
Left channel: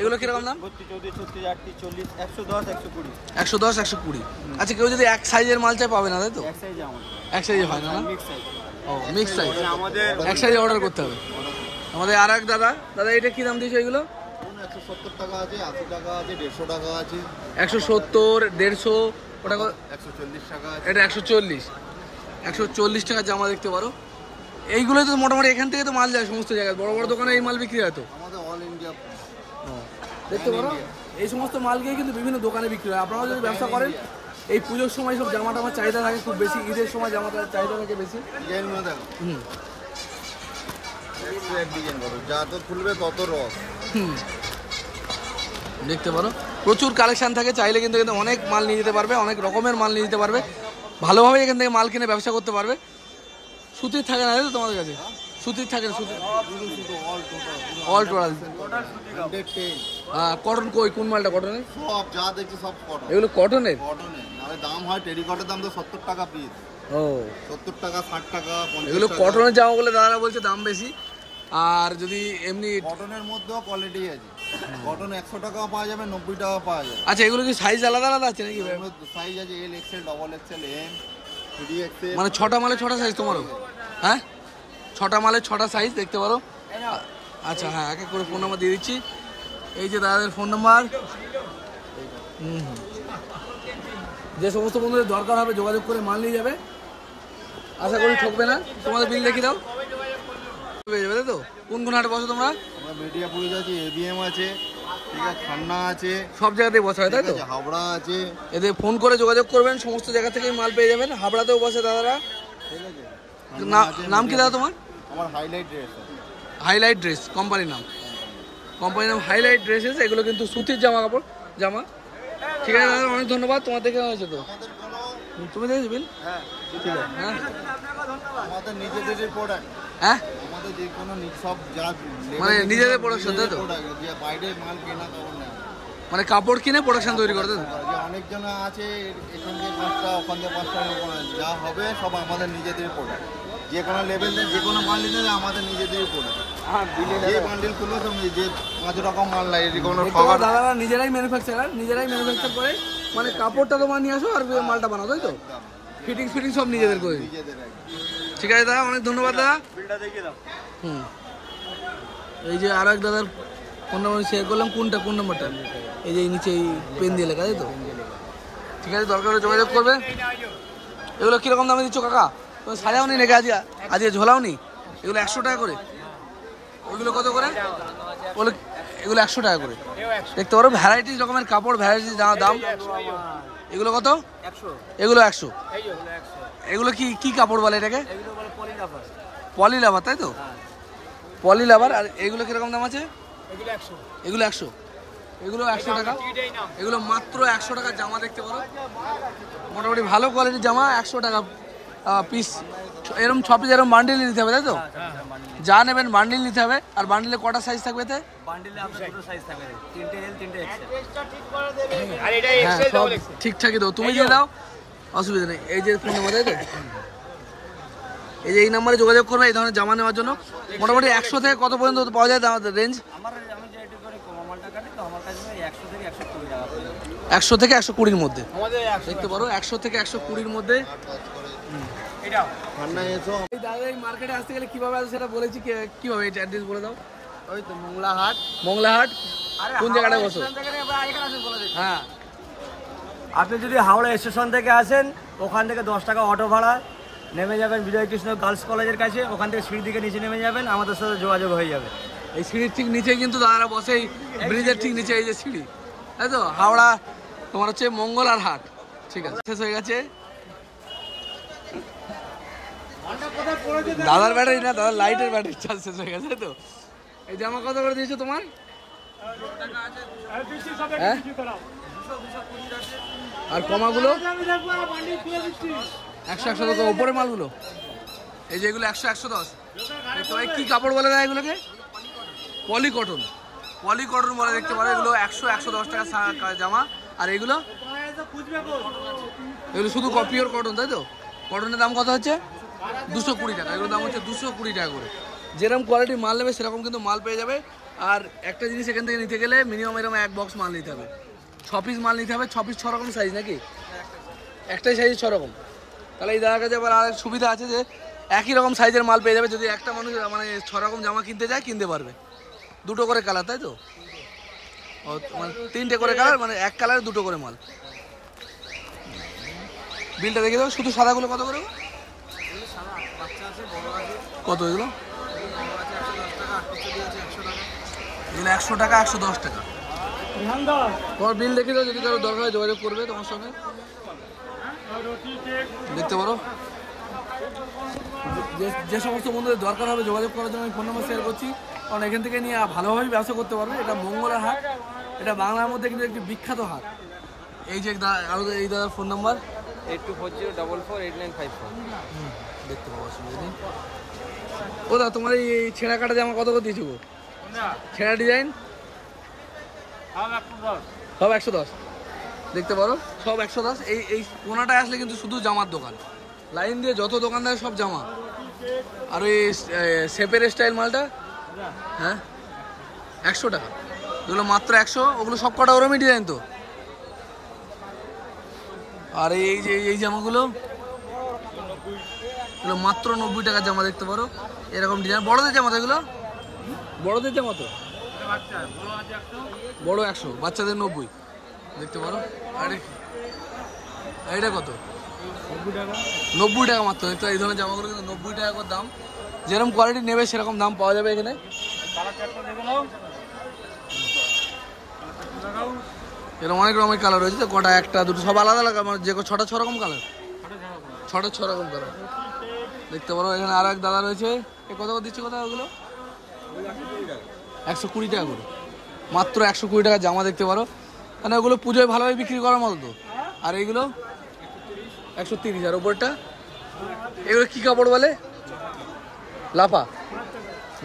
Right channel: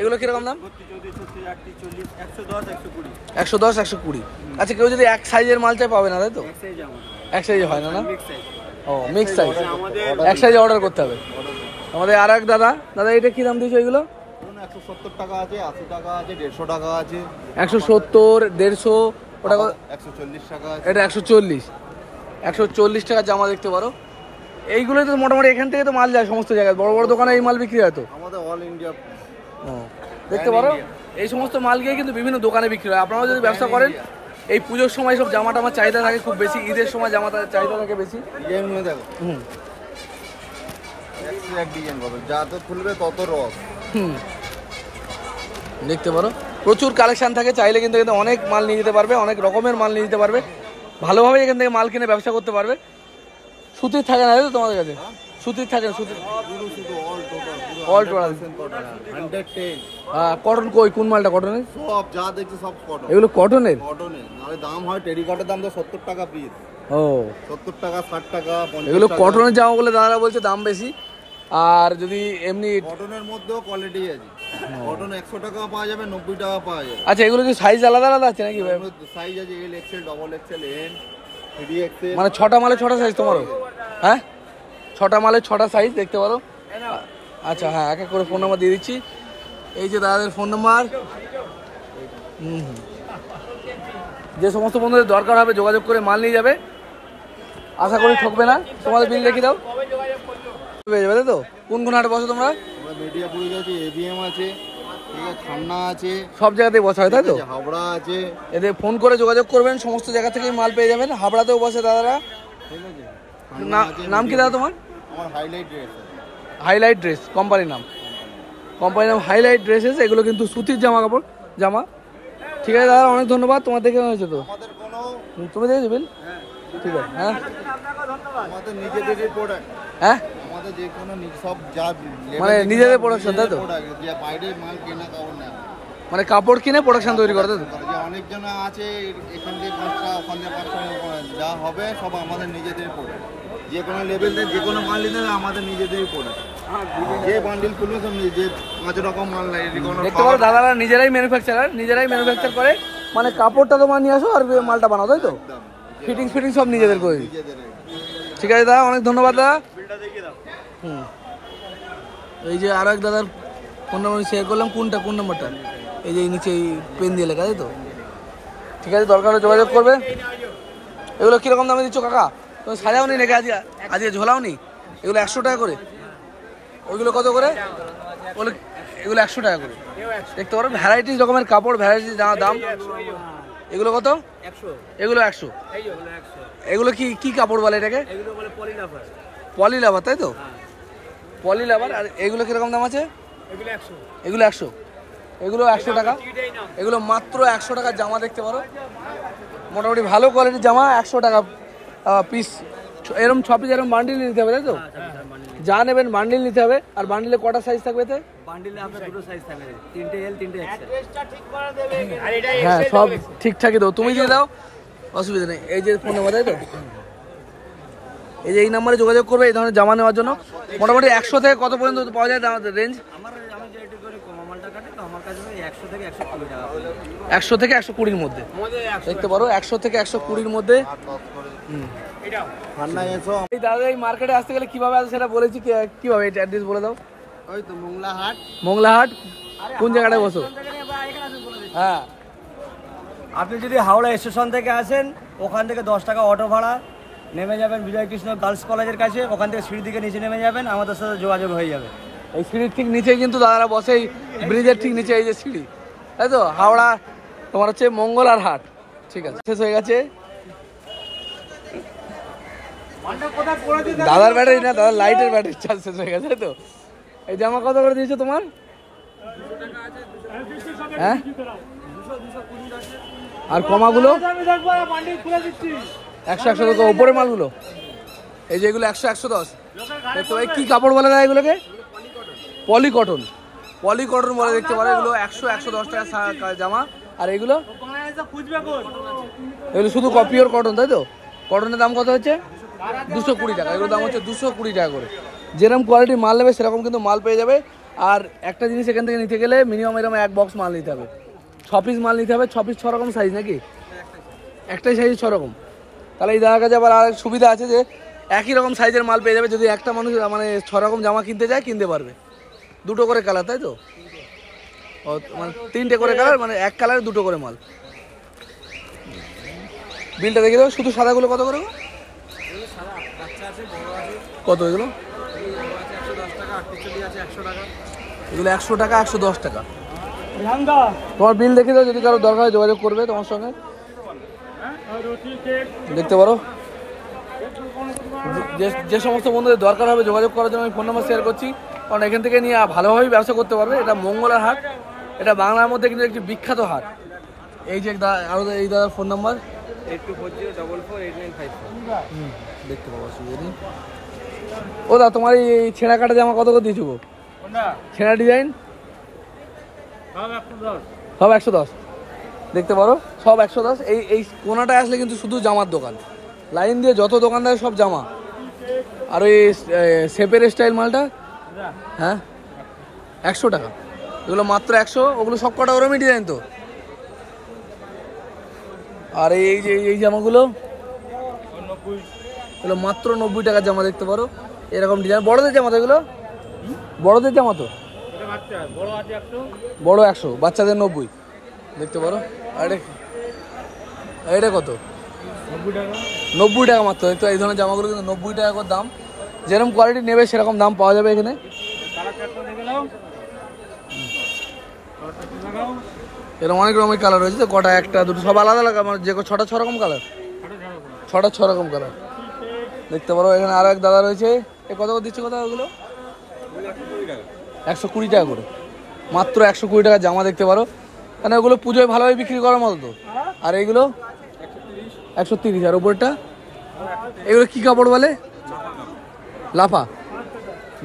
এগুলো কিরকম দাম? 32, 34, 38, 40, 110, 120। 110, 120। আচ্ছা কেউ যদি এক সাইজের মাল চাই পাবে না, তাই তো? এক সাইজ আমাদের, এক সাইজে হয় না না? Mix size. ও মিক্স সাইজ। আমাদের এক সাইজে অর্ডার করতে হবে। আমাদের আর এক দাদা এটা কি দাম দিয়েছে এগুলো? 170 টাকা আছে, 80 টাকা আছে, 150 টাকা আছে, 170, 150। ওটা 140 টাকা আছে। এটা 140 টাকা জামা। দেখতে পারো এইগুলো তো মোটামুটি এখান থেকে তো মাল যায় সমস্ত জায়গায়। বড় বড় দোকানে এই মাল বিক্রি হয় তো? আমাদের অল ইন্ডিয়া। দেখতে পারো এই সমস্ত মাল গিয়ে কিন্তু বিভিন্ন দোকানে বিক্রি হয়। আপনারা যদি ব্যবসা করেন, এই পুজোর সময় সব জামা টামার চাহিদা থাকে খুব বেশি। ঈদের সময় জামা চাহিদা থাকে বেশি। ডিজাইনগুলো দেখো, হুম এক ডিজাইন করো, যত খুলবে তত রস। হুম দেখতে পারো প্রচুর কালেকশন থাকে। চাইলে কিন্তু এখানে অনেক মাল নিয়ে যেতে পারবে, অনেক রকমের মাল নিয়ে যেতে পারবে। ভালোভাবে এখান থেকে মাল কিনে ব্যবসা করতে পারবে। সুতির থাকে না, তাই তো তোমাদের কাছে? সুতির থাকে না? সুতির পুরো শুধু অল টোটাল 110। কটন। কোন মালটা কটনের? সব যা দেখছি সব কটন। এগুলো কটনের? কটনের। নাহলে দাম হয় টেরিকটের দাম তো 70 টাকা পিস। ও 70 টাকা, 60 টাকা, 50 এগুলো টাকা। কটনের জামা বলে দাদারা বলছে দাম বেশি। আর যদি এমনি কটনের মধ্যেও কোয়ালিটি আছে। কটন 100 টাকাও পাওয়া যাবে, 90 টাকা পাওয়া যাবে। আচ্ছা এগুলো কি সাইজ আলাদা আলাদা আছে নাকি? সাইজ আছে L XL, double XL, M, 3 XL. মানে 6টা মালে 6টা সাইজ তোমারও? হ্যাঁ 6টা মালে 6টা সাইজ। দেখতে পারো। আচ্ছা হ্যাঁ, এক এক করে ফোন নাম্বার দিয়ে দিচ্ছি। এই যে দাদাদের ফোন নাম্বার। যে সমস্ত বন্ধুদের দরকার হবে যোগাযোগ করে মাল নিয়ে যাবে। আশা করি ঠকবে না। তোমাদের বিল দেখিয়ে দাও, পেয়ে যাবে, তাই তো? কোন হাটে বসো তোমরা? আমরা বেটিয়াপুরে আছে, এবিএম আছে, ঠিক আছে, খান্না আছে, সব জায়গাতেই বসা হয়, তাই তো? হাওড়া আছে। এদের ফোন করে যোগাযোগ করবেন, সমস্ত জায়গা থেকেই মাল পেয়ে যাবেন। হাবড়াতেও বসে দাদারা। ঠিক আছে। নাম কি দাদা তোমার? আমার হাইলাইট ড্রেস আছে। হাইলাইট ড্রেস কোম্পানির নাম। কোম্পানির নাম হাইলাইট ড্রেসেস। এগুলো কিন্তু সুতির জামা। ঠিক আছে দাদা, অনেক ধন্যবাদ। তোমার দেখে হয়েছে তো? তুমি দেখে দেবেন? হ্যাঁ, ঠিক আছে। হ্যাঁ আমাদের নিজেদেরই প্রোডাক্ট। হ্যাঁ আমাদের যে কোনো সব যা মানে নিজেদের production, তাই তো? যে বাইরে মাল কেনা কাপড় নেয়। মানে কাপড় কিনে প্রোডাকশন তৈরি করে, তাই তো? যে অনেকজন আছে এখান থেকে 5টা, ওখান থেকে 5টা, যা হবে সব আমাদের নিজেদের প্রোডাক্ট। যে কোনো লেভেলে যে কোনো মাল নিলে আমাদের নিজেদেরই প্রোডাক্ট। যে বান্ডিল খুলবে সব যে 5 রকম মাল লাগে। দেখতে পারো দাদারা নিজেরাই ম্যানুফ্যাকচার করে। মানে কাপড়টা তোমার নিয়ে আসো আর মালটা বানাও, তাই তো? ফিটিং সব নিজেদের করে দিই। নিজেদের একদম। ঠিক আছে দাদা, অনেক ধন্যবাদ দাদা। বিলটা দেখিয়ে দাও। হুম, এই যে আর এক দাদার ফোন নাম্বার শেয়ার করলাম। কোন নাম্বারটা? এই যে নিচে এই পেন দিয়ে লেখা, তাই তো? ঠিক আছে, দরকার হলে যোগাযোগ করবে। এগুলো কিরকম দামে দিচ্ছ কাকা? তুমি সাজাও নি নাকি আজকে ঝোলাও নি? এগুলো 100 টাকা করে। ওইগুলো কত করে? এগুলো 100 টাকা করে। দেখতে পারো ভ্যারাইটিস রকমের কাপড়, ভ্যারাইটিস দাম। এগুলো কত? 100। এগুলো 100। এগুলো কি কাপড় বলে এটাকে? এগুলো বলে পলিলাফার। পলিলাবার, তাই তো? পলিলাবার। আর এগুলো কিরকম দাম আছে? এগুলো 100। এগুলো 100। এগুলো 100 টাকা। এগুলো মাত্র 100 টাকার জামা, দেখতে পারো। মোটামুটি ভালো কোয়ালিটির জামা, 100 টাকা পিস। এরকম 6 পিস এরকম বান্ডিল নিতে হবে, তাই তো? যা নেবেন বান্ডিল নিতে হবে। আর বান্ডিলে কটা সাইজ থাকবে? বান্ডিলে আপনার দুটো সাইজ থাকবে, 3টে এল 3টে এক্সেল। হ্যাঁ, সব ঠিকঠাকই তো, তুমি দিয়ে দাও, অসুবিধা নেই। এই যে ফোন নাম্বার, তাই তো? এই যে এই নাম্বারে যোগাযোগ করবে এই ধরনের জামা নেওয়ার জন্য। মোটামুটি 100 থেকে কত পর্যন্ত পাওয়া যায় আমাদের রেঞ্জ? আমি যেটু করে কমা মালটা কাটি, তো আমার কাছে 100 থেকে 120 টাকা পড়ে যায়। 100 থেকে 120-র মধ্যে দেখতে পারো। 100 থেকে 120-র মধ্যে। ঠান্ডা এসো। এই দাদা এই মার্কেটে আসতে গেলে কিভাবে আসবে সেটা বলেছি, কিভাবে এটা অ্যাড্রেস বলে দাও। ওই তো মোংলাহাট। মোংলাহাট কোন জায়গাটায় বসো? হ্যাঁ, আপনি যদি হাওড়া স্টেশন থেকে আসেন, ওখান থেকে 10 টাকা অটো ভাড়া, নেমে যাবেন বিজয়কৃষ্ণ গার্লস কলেজের কাছে। ওখান থেকে সিঁড়ি দিকে নিচে নেমে যাবেন, আমাদের সাথে যোগাযোগ হয়ে যাবে। এই সিঁড়ির ঠিক নিচেই কিন্তু দাদারা বসে, এই ব্রিজের ঠিক নিচে এই যে সিঁড়ি, তাই তো? হাওড়া তোমার হচ্ছে মঙ্গলার হাট। ঠিক আছে, শেষ হয়ে গেছে দাদার ব্যাটারি না, দাদার লাইটের ব্যাটারি চার্জ শেষ হয়ে গেছে, তাই তো? এই জামা কত করে দিয়েছো তোমার? হ্যাঁ, আর কমাগুলো 100 টাকা উপরে মালগুলো। এই যে এগুলো 100-110 দেখতে পাই। কি কাপড় বলে না এগুলোকে? পলিকটন বলে, দেখতে পারো। এগুলো 100-110 টাকা জামা। আর এগুলো শুধু পিওর কটন, তাই তো? কটনের দাম কত হচ্ছে? 220 টাকা। এগুলোর দাম হচ্ছে 220 টাকা করে। যেরকম কোয়ালিটির মাল নেবে সেরকম কিন্তু মাল পেয়ে যাবে। আর একটা জিনিস এখান থেকে নিতে গেলে মিনিমাম এরকম 1 বক্স মাল নিতে হবে। 6 পিস মাল নিতে হবে। 6 পিস 6 রকম সাইজ নাকি? একটাই সাইজ 6 রকম। তাহলে এই জায়গার কাছে আবার আর সুবিধা আছে যে একই রকম সাইজের মাল পেয়ে যাবে। যদি একটা মানুষ মানে 6 রকম জামা কিনতে যায়, কিনতে পারবে। 2টো করে কালার, তাই তো? ও মানে 3টে করে কালার, মানে এক কালারে 2টো করে মাল। বিলটা দেখে দেবো। শুধু সাদাগুলো কত করে? কত এগুলো? এগুলো 100 টাকা, 110 টাকা। তোমার বিল দেখে দাও, যদি কারো দরকার হয় যোগাযোগ করবে তোমার সঙ্গে। দেখতে পারো যে সমস্ত বন্ধুদের দরকার হবে যোগাযোগ করার জন্য আমি ফোন নাম্বার শেয়ার করছি, কারণ এখান থেকে নিয়ে ভালোভাবেই ব্যবসা করতে পারবে। এটা মঙ্গলার হাট, এটা বাংলার মধ্যে কিন্তু একটি বিখ্যাত হাট। এই যে আরো এই দাদার ফোন নাম্বার 8240448954। দেখতে পাবো যদি। ও দা, তোমার এই ছেঁড়া কাটা জামা কত করে দিয়েছো? ছেঁড়া ডিজাইন সব 110 দেখতে পারো, সব 110। এই কোনাটায় আসলে কিন্তু শুধু জামার দোকান, লাইন দিয়ে যত দোকানদার সব জামা। আর ওই শেপের স্টাইল মালটা, হ্যাঁ 100 টাকা। এগুলো মাত্র 100। ওগুলো সব কটা ওরমই ডিজাইন তো। আর এই যে এই জামাগুলো, এগুলো মাত্র 90 টাকার জামা, দেখতে পারো। এরকম ডিজাইন বড়দের জামা তো, এগুলো বড়দের জামা তো। বড় 100, বাচ্চাদের 90 দেখতে পারো। আরে এটা কত? 90 টাকা মাত্র। তো এই ধরনের জামাগুলো কিন্তু 90 টাকা করে দাম। যেরকম কোয়ালিটি নেবে সেরকম দাম পাওয়া যাবে এখানে। এরকম অনেক রকমের কালার রয়েছে তো, কটা একটা দুটো সব আলাদা আলাদা, যে 6 রকম কালার, 6 রকম কালার দেখতে পারো। এখানে আরো এক দাদা রয়েছে। এ কত করে দিচ্ছে? কথা ওগুলো 120 টাকা করে, মাত্র 120 টাকা জামা দেখতে পারো। মানে ওগুলো পুজোয় ভালোভাবে বিক্রি করার মতো তো। আর এইগুলো 130। আর ওপরটা এগুলো কি কাপড় বলে? লাফা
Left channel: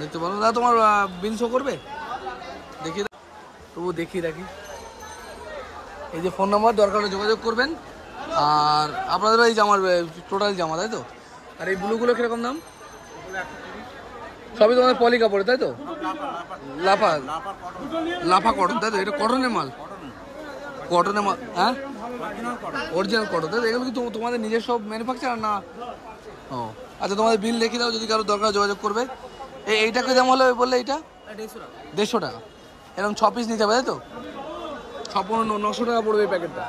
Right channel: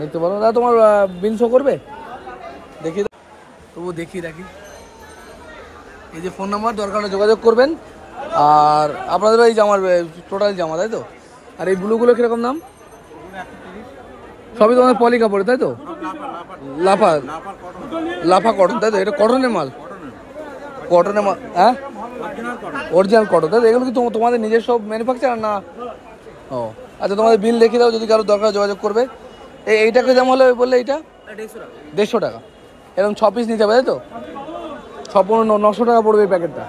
দেখতে পারো। দাদা তোমার বিল শো করবে? দেখি তবু দেখিয়ে রাখি। এই যে ফোন নাম্বার, দরকার হলে যোগাযোগ করবেন। আর আপনাদের এই জামার টোটাল জামা, তাই তো? আর এই ব্লুগুলো কিরকম দাম? সবই তোমাদের পলি কাপড়, তাই তো? লাফা কটন, তাই তো? এটা কটনের মাল, কটনের মাল। হ্যাঁ, অরিজিনাল কটন, তাই তো? এগুলো কি তোমাদের নিজস্ব ম্যানুফ্যাকচার না? ও আচ্ছা, তোমাদের বিল লিখে দাও, যদি কারো দরকার যোগাযোগ করবে। এইটাকে দাম হলে বললে এইটা 150 টাকা। এরকম 6 পিস নিতে হবে, তাই তো? 900 টাকা পড়বে এই প্যাকেটটা।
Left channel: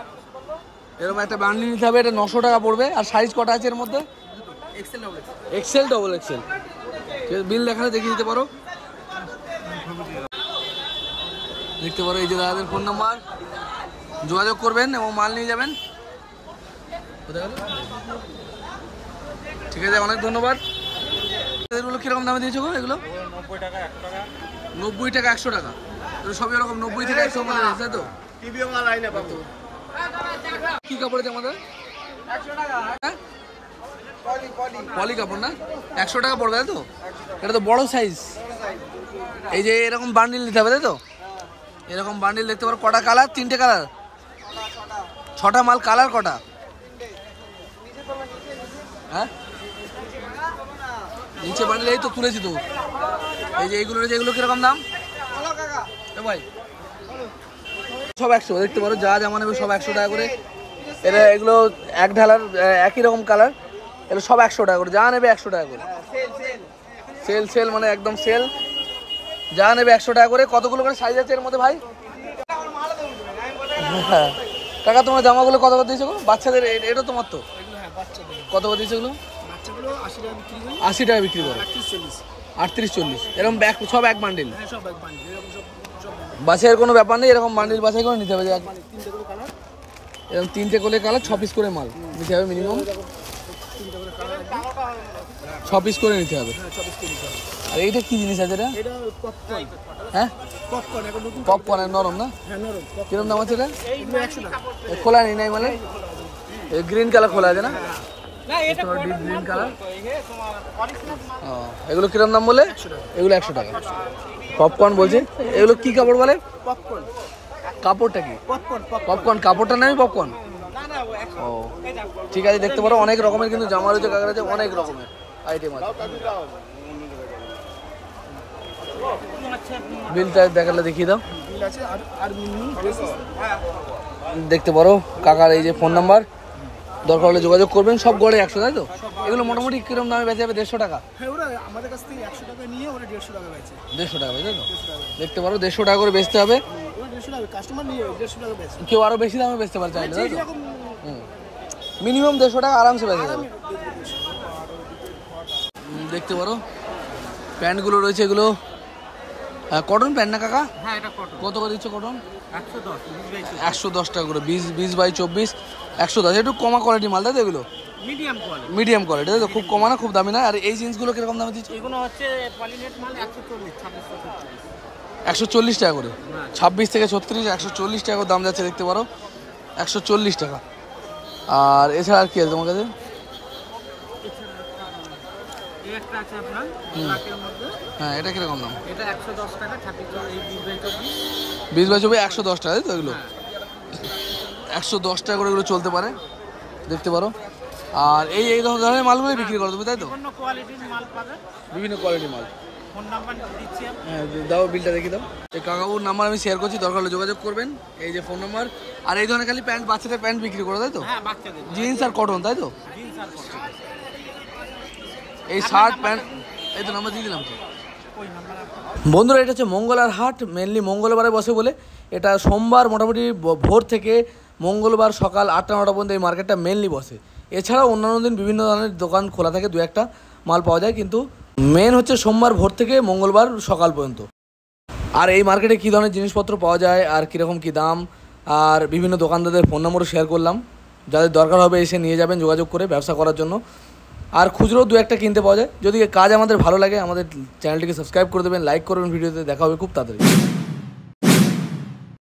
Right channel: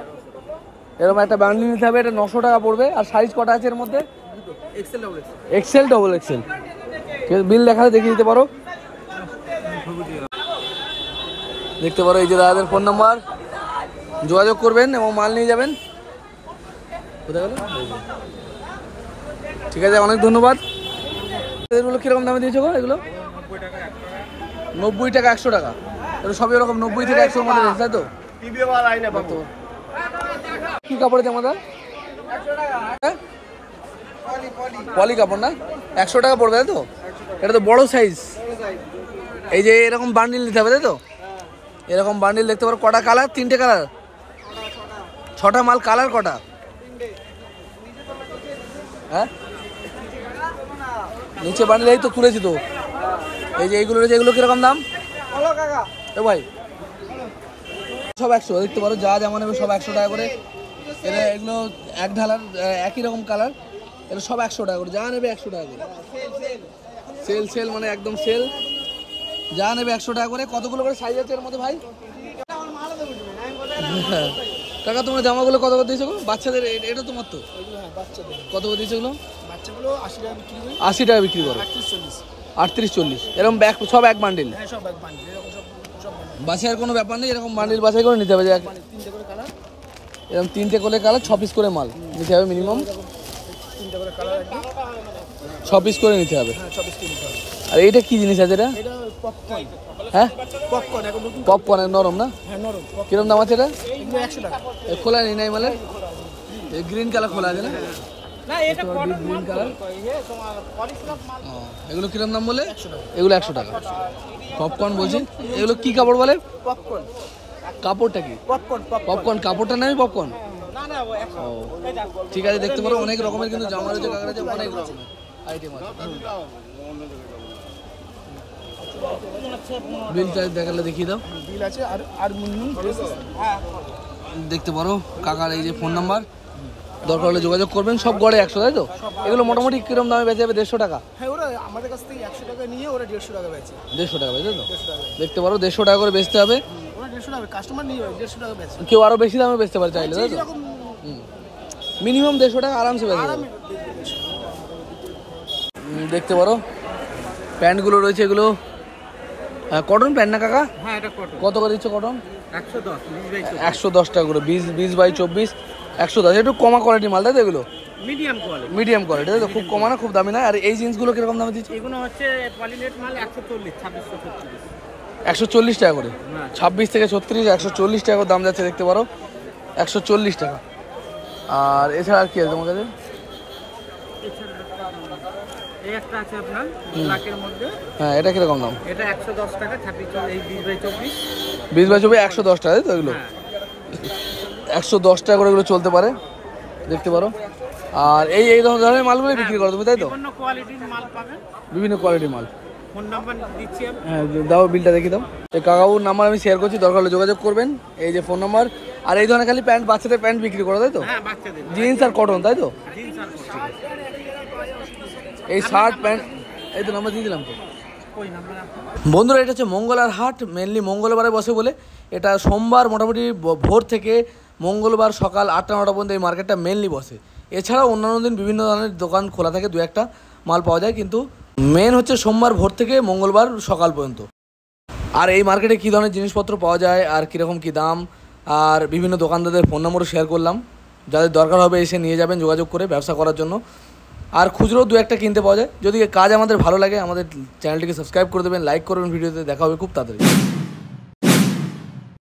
এরকম একটা বান্ডেল নিতে হবে, এটা 900 টাকা পড়বে। আর সাইজ কটা আছে এর মধ্যে? XL, double XL. ঠিক আছে, বিল দেখালে দেখিয়ে দিতে পারো, দেখতে পারো। এই যে দাদাদের ফোন নাম্বার, যোগাযোগ করবেন এবং মাল নিয়ে যাবেন। কোথায় গেল? ঠিক আছে, অনেক ধন্যবাদ। এগুলো কিরকম দামে দিয়েছো গো? এগুলো 90 টাকা, 100 টাকা। এগুলো সবই এরকম 90 থেকে 100 মধ্যে রয়েছে, তাই তো? কি কাপড় আছে আমাদের? পলি কাপড় না? 100 টাকা পড়বে, তাই তো? এটা তো বড় সাইজ। এই যে এরকম বান্ডিল নিতে হবে, তাই তো? এরকম বান্ডিল দেখতে পারো। কটা কালার? 3টে কালার, 6টা মাল। কালার কটা? হ্যাঁ, নিচে বান্ডিল এই তো তুলেছি তো। এই যে এইগুলো রয়েছে, এগুলো কিরকম দাম? এ ভাই, সব 100 দেখতে পারো। যা জামা নেবে সব 100 টাকা করে। এটা এগুলো এক ঢালার, একই রকম কালার। এগুলো সব 100 টাকা করে। যা নেবে 100 টাকা করে। সেল মানে একদম সেল। যা নেবে 100 টাকা করে। কতগুলো করে সাইজ আছে এর মধ্যে ভাই? হ্যাঁ কাকা, তোমার জামাগুলো কত করে দিয়েছো? বাচ্চাদের এটা তোমার তো? কত করে দিয়েছো এগুলো? 80 টাকা বিক্রি করো। 38-40 এরকম ব্যাগ সব এক বান্ডিল। বাছাইয়ের কোনো ব্যাপার নেই, এরকম বান্ডিল বাছাই করে নিতে হবে। এরকম 3টে করে কালার, 6 পিস করে মাল নিতে হবে মিনিমাম। 6 পিস করে নিতে হবে। আর এইটা কি জিনিস আছে? এটা হ্যাঁ, পপকর্ন। নরম না? কিরকম দাম আছে এটা? খোলা নেই নাই মালের? গ্রিন কালার খোলা আছে না? Green colour. এগুলো কিরকম দাম বলে? এগুলো 100 টাকা। পপকর্ন বলছে। এগুলো কি কাপড় বলে? কাপড়টা কি? পপকর্ন কাপড়টা নাই? পপকর্ন। ও ঠিক আছে, দেখতে পারো অনেক রকমের কিন্তু জামা রয়েছে, কাকার আছে অনেক রকমের আইটেম আছে। বিলটা দেখালে দেখিয়ে দাও। দেখতে পারো কাকার এই যে ফোন নাম্বার, দরকার হলে যোগাযোগ করবেন। সব গড়ে 100, তাই তো? এগুলো মোটামুটি কিরকম দামে বেচে যাবে? 150 টাকা। 150 টাকা, তাই তো? দেখতে পারো 150 টাকা করে বেচতে হবে। কেউ আরো বেশি দামে বেচতে পারে চাইলে, তাই তো? মিনিমাম 150 টাকা আরামসে বেচে যাবে। দেখতে পারো প্যান্টগুলো রয়েছে, এগুলো কটন প্যান্ট না কাকা? হ্যাঁ, এটা কটন। কত করে দিচ্ছ কটন? 110 টাকা করে। 20 বাই 24 110। একটু কমা কোয়ালিটি মাল, তাই তো? এগুলো মিডিয়াম কোয়ালিটি, তাই তো? খুব কমা না, খুব দামি না। আর এই জিন্সগুলো কিরকম দামে দিচ্ছ? এগুলো হচ্ছে পলিনেট মাল 140, 140 টাকা করে। 26 থেকে 36, 140 টাকা দাম যাচ্ছে, দেখতে পারো। 140 টাকা। আর এছাড়া আর কি আছে তোমার কাছে? হ্যাঁ, এটা কিরকম দাম? এটা 110 টাকা। 20 বাই 24 110 টাকা, তাই তো? এগুলো 110 টাকা করে এগুলো চলতে পারে, দেখতে পারো। আর এই ধরনের মালগুলো বিক্রি করো তুমি, তাই তো? বিভিন্ন কোয়ালিটির মাল পাবেন, বিভিন্ন কোয়ালিটির মাল। ফোন নাম্বার দিচ্ছি। হ্যাঁ দাও, বিলটা দেখি দাও। এই কাকাবুর নাম্বার আমি শেয়ার করছি, দরকার হলে যোগাযোগ করবেন। এই যে ফোন নাম্বার। আর এই ধরনের খালি প্যান্ট, বাচ্চাদের প্যান্ট বিক্রি করো, তাই তো? হ্যাঁ, বাচ্চাদের জিন্স আর কটন, তাই তো? এই শার্ট প্যান্ট, এই তো নাম্বার দিয়ে দিলাম তো। বন্ধুরা, এটা হচ্ছে মঙ্গলার হাট। মেনলি মঙ্গলবারে বসে বলে। এটা সোমবার মোটামুটি ভোর থেকে মঙ্গলবার সকাল 8টা-9টা পর্যন্ত এই মার্কেটটা মেনলি বসে। এছাড়াও অন্যান্য দিন বিভিন্ন ধরনের দোকান খোলা থাকে, 2-1টা মাল পাওয়া যায়, কিন্তু মেন হচ্ছে সোমবার ভোর থেকে মঙ্গলবার সকাল পর্যন্ত। আর এই মার্কেটে কী ধরনের জিনিসপত্র পাওয়া যায় আর কীরকম কী দাম, আর বিভিন্ন দোকানদারদের ফোন নম্বরও শেয়ার করলাম। যাদের দরকার হবে এসে নিয়ে যাবেন যোগাযোগ করে ব্যবসা করার জন্য। আর খুচরো 2-1টা কিনতে পাওয়া যায়। যদি কাজ আমাদের ভালো লাগে আমাদের চ্যানেলটিকে সাবস্ক্রাইব করে দেবেন, লাইক করবেন ভিডিওতে। দেখা হবে খুব তাড়াতাড়ি।